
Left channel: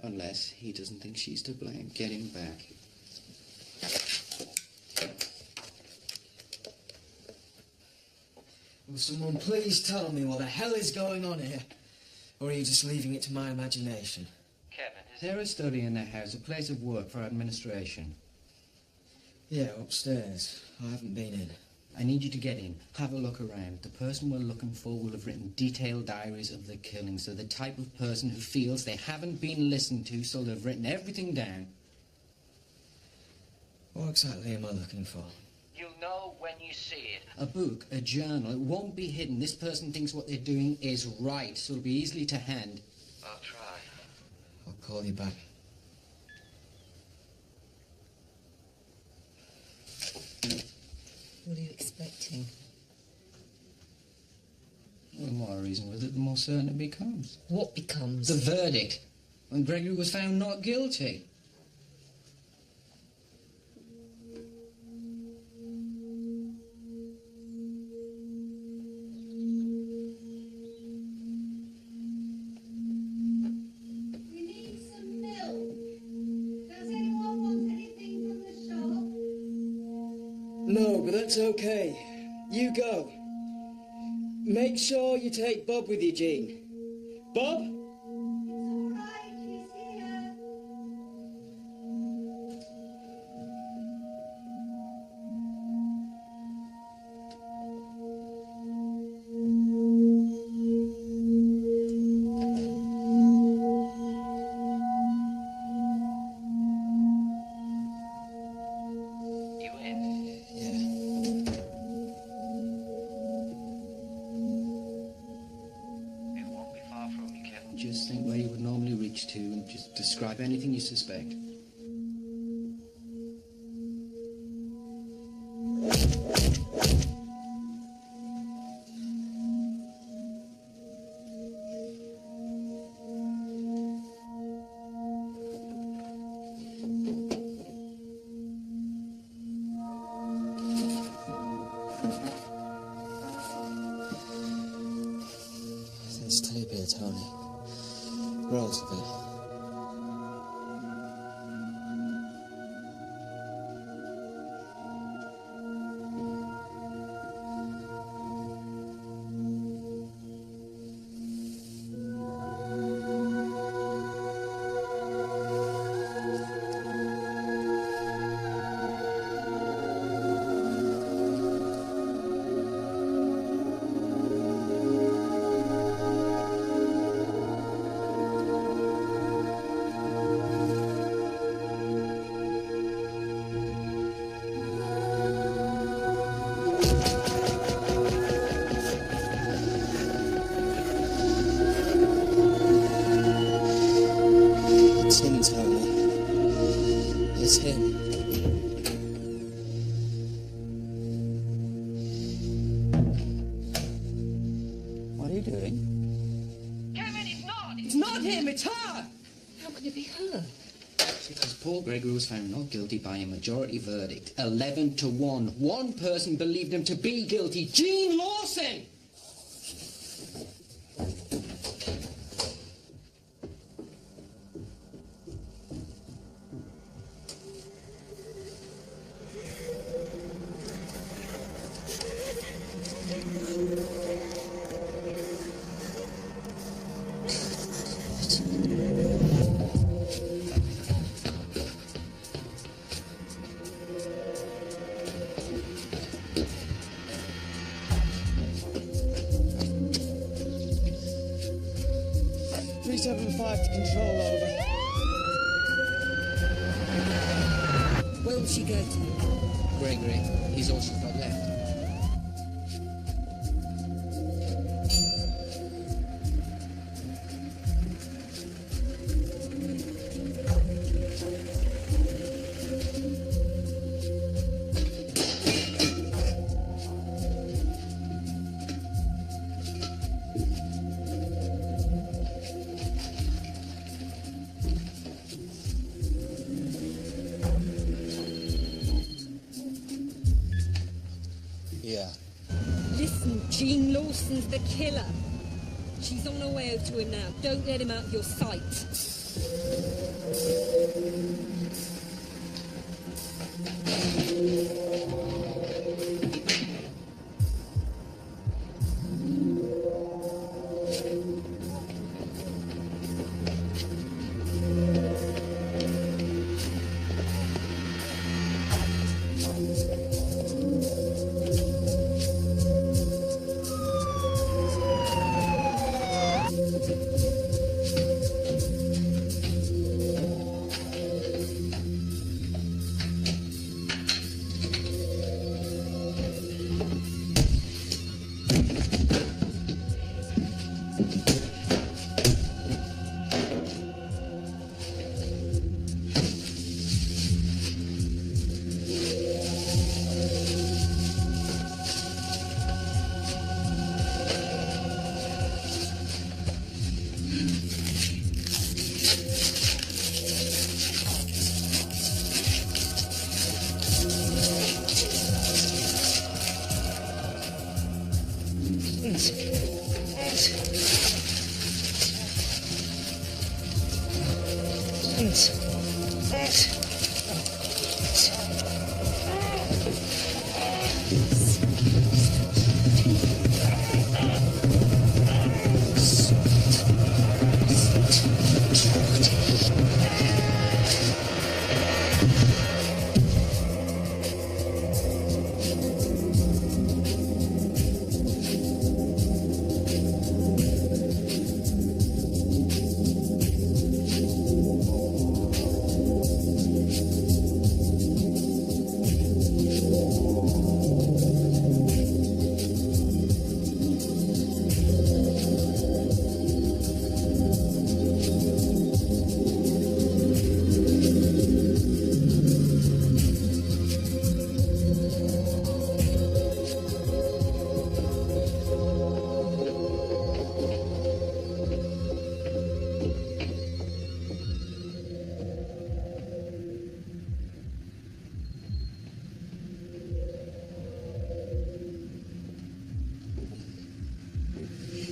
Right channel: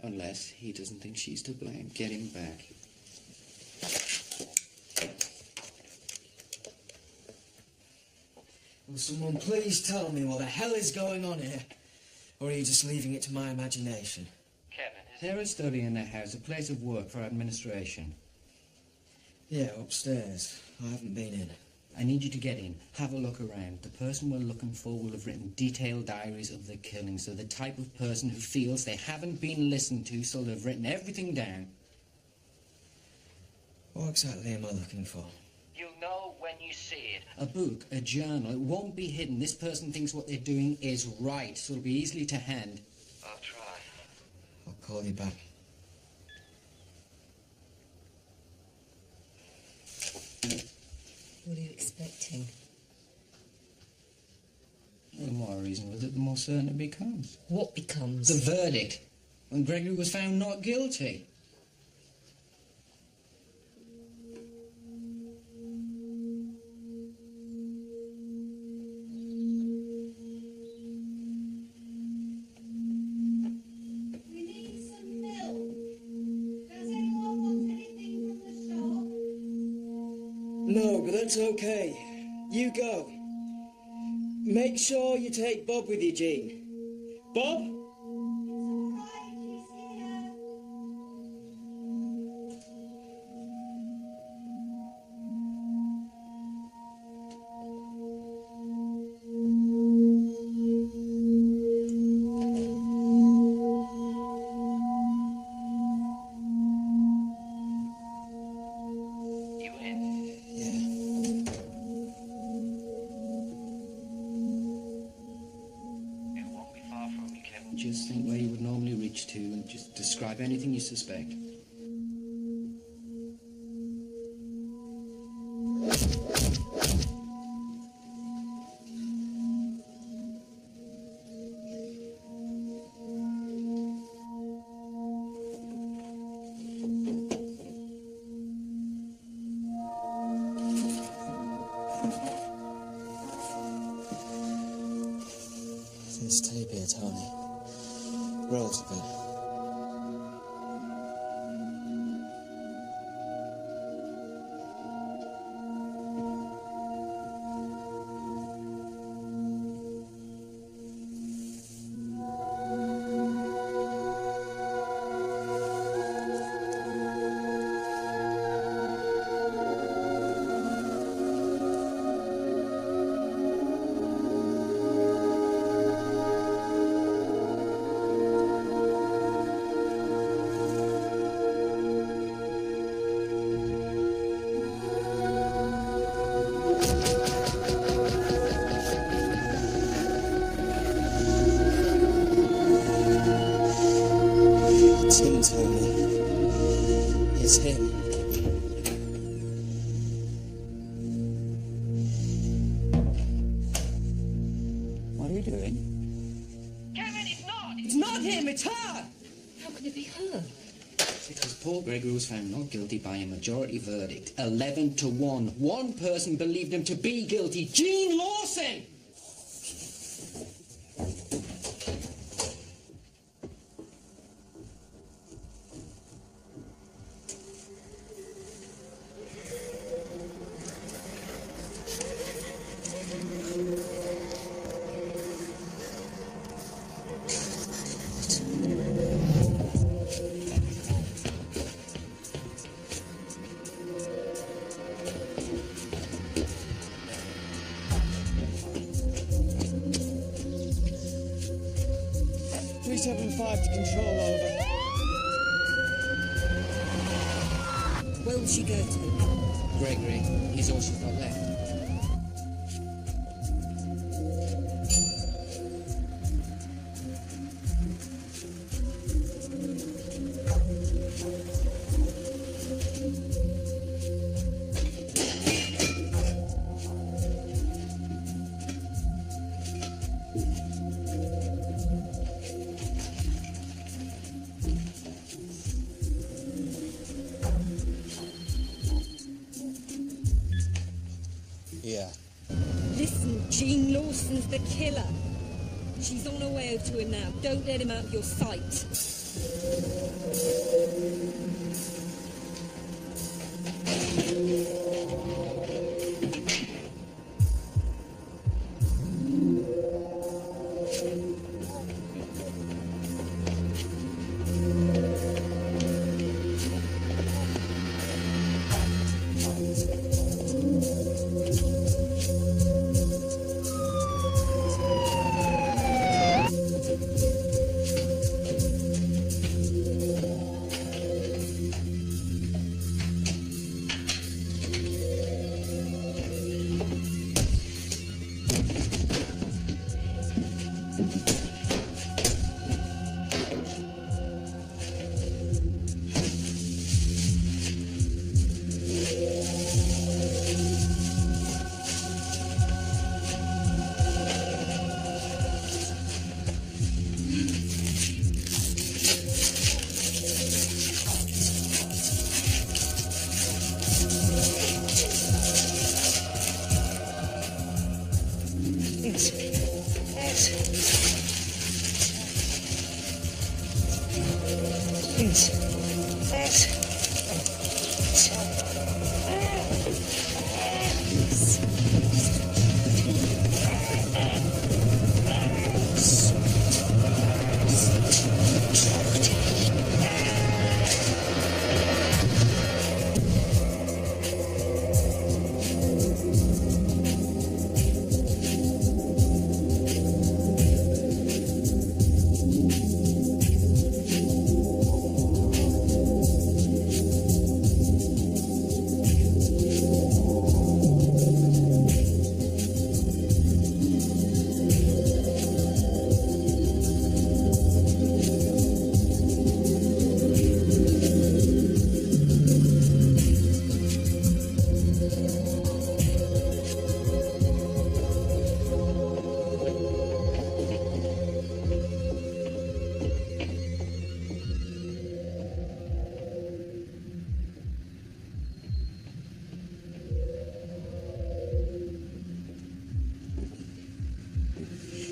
Unless he doesn't think she's to blame. Get him back. Will someone please tell me what the hell is going on here? Or are you just leaving it to my imagination? Kevin, is there a study in the house, a place of work for administration? Yeah, upstairs. I haven't been in. I need you to get in. Have a look around. The person we're looking for will have written detailed diaries of the killings, so the type of person who feels they haven't been listened to, so they've written everything down. What exactly am I looking for? You'll know when you you see it. A book, a journal, it won't be hidden. This person thinks what they're doing is right, so it'll be easily to hand. I'll try. I'll call you back. What are you expecting? The more I reason with it, the more certain it becomes. What becomes? The verdict. When Gregory was found not guilty. We need some milk. Does anyone want anything from the shop? No, but that's okay. You go. Make sure you take Bob with you, Jean. Bob? It's all right, he's here. You in? It won't be far from you, Kevin. Just think where you would normally reach to and just describe anything you suspect. There's tape here, Tony. Rolls of it. It's him, Tony. It's him. What are you doing? Kevin, it's not! It's not him, it's her! How could it be her? Because Paul Gregory was found not guilty by a majority verdict. 11 to 1. One person believed him to be guilty. Jean Lawson! .375 to control, over. Where will she go, Tony? Gregory, he's all she's got left. Yeah. Listen, Jean Lawson's the killer. She's on her way over to him now. Don't let him out of your sight.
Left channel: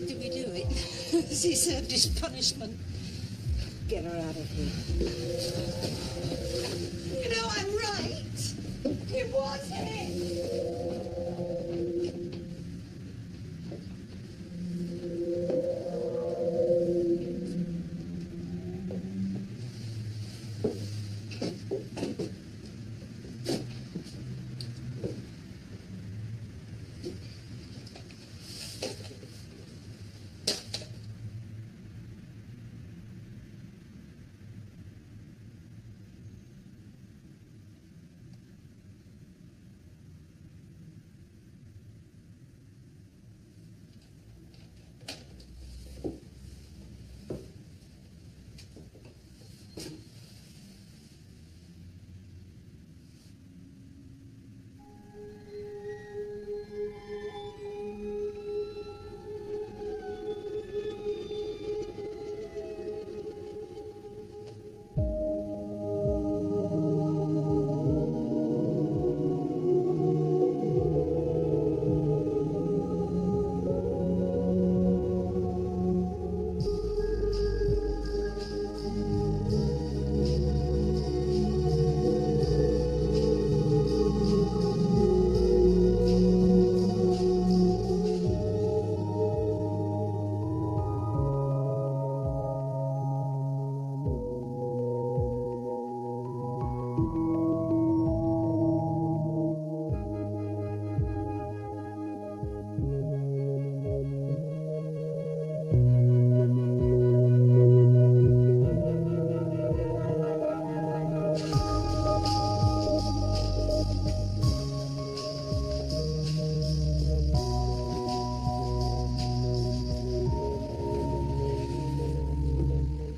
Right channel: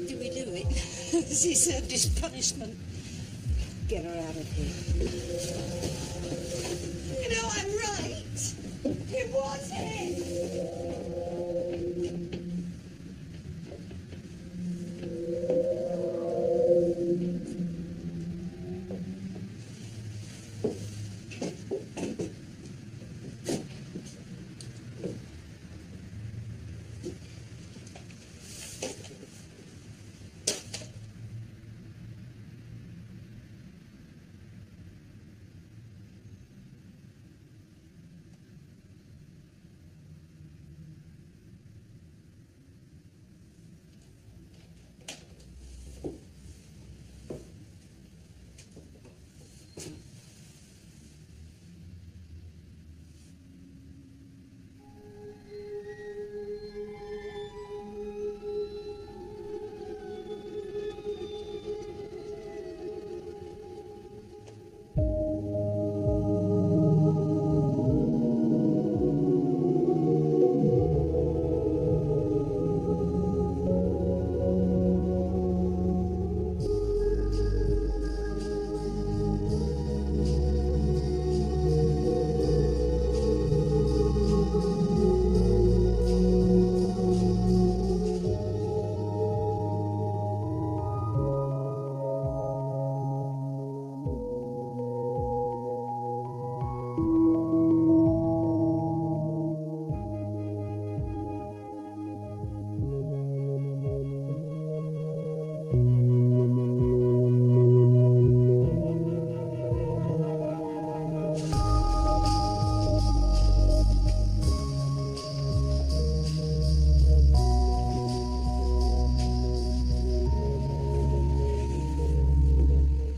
Did we do it? Has he served his punishment? Get her out of here. You know, I'm right. It was him.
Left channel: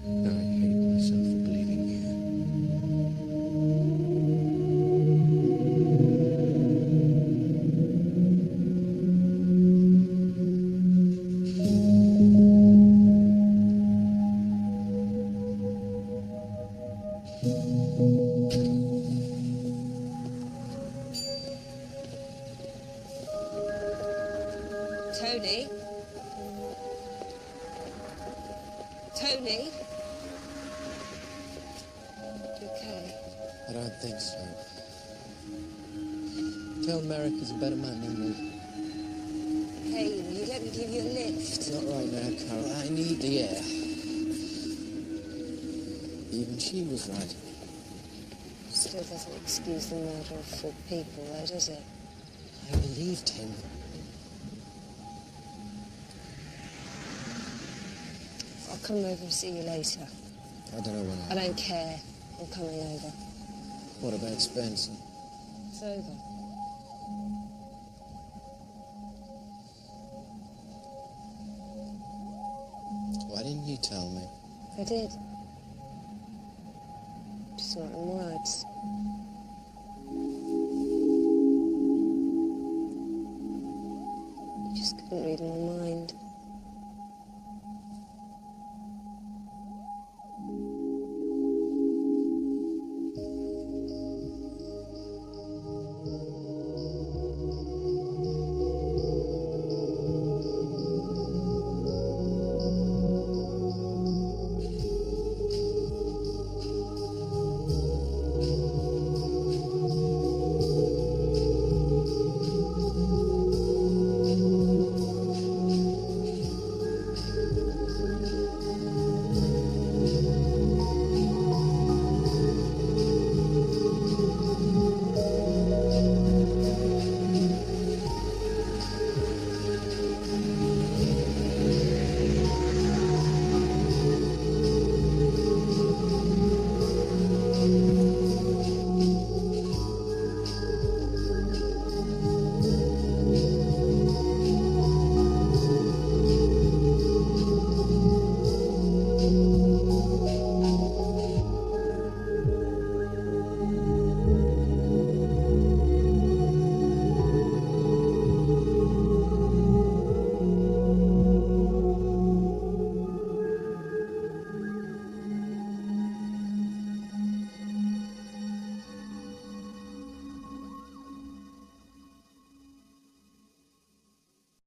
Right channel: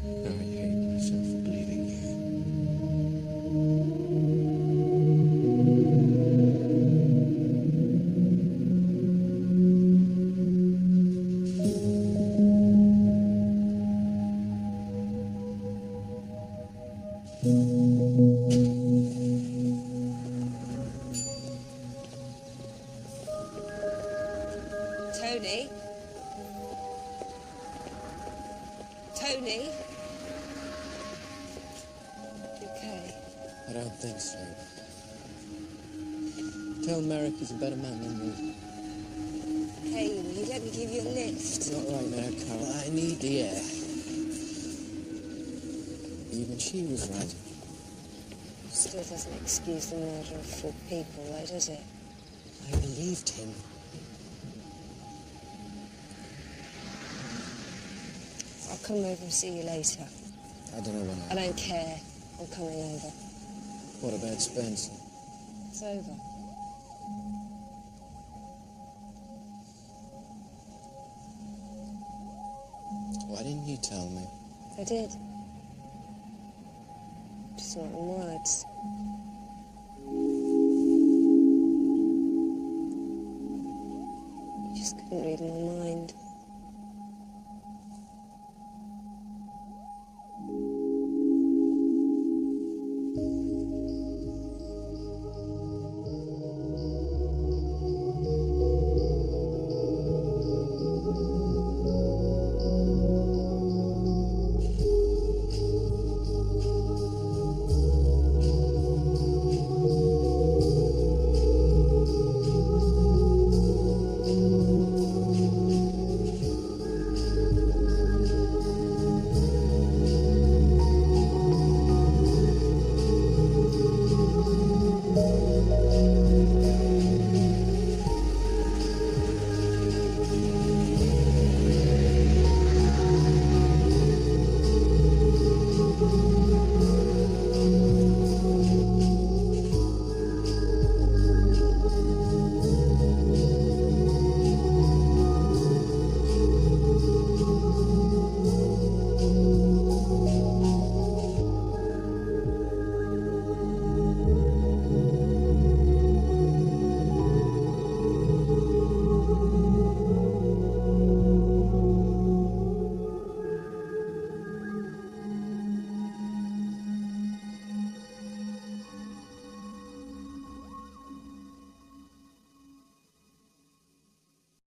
I hate myself for believing you. Tony? Tony? You okay? I don't think so. Tell Merrick he's a better man than me. Hey, will you let me give you a lift? Not right now, Carol. I need the air. Even she was right. Still doesn't excuse the murder of 4 people, though, does it? I believed him. I'll come over and see you later. I don't know when I don't care. I'm coming over. What about Spencer? It's over. Why didn't you tell me? I did. Just not in words. You just couldn't read my mind.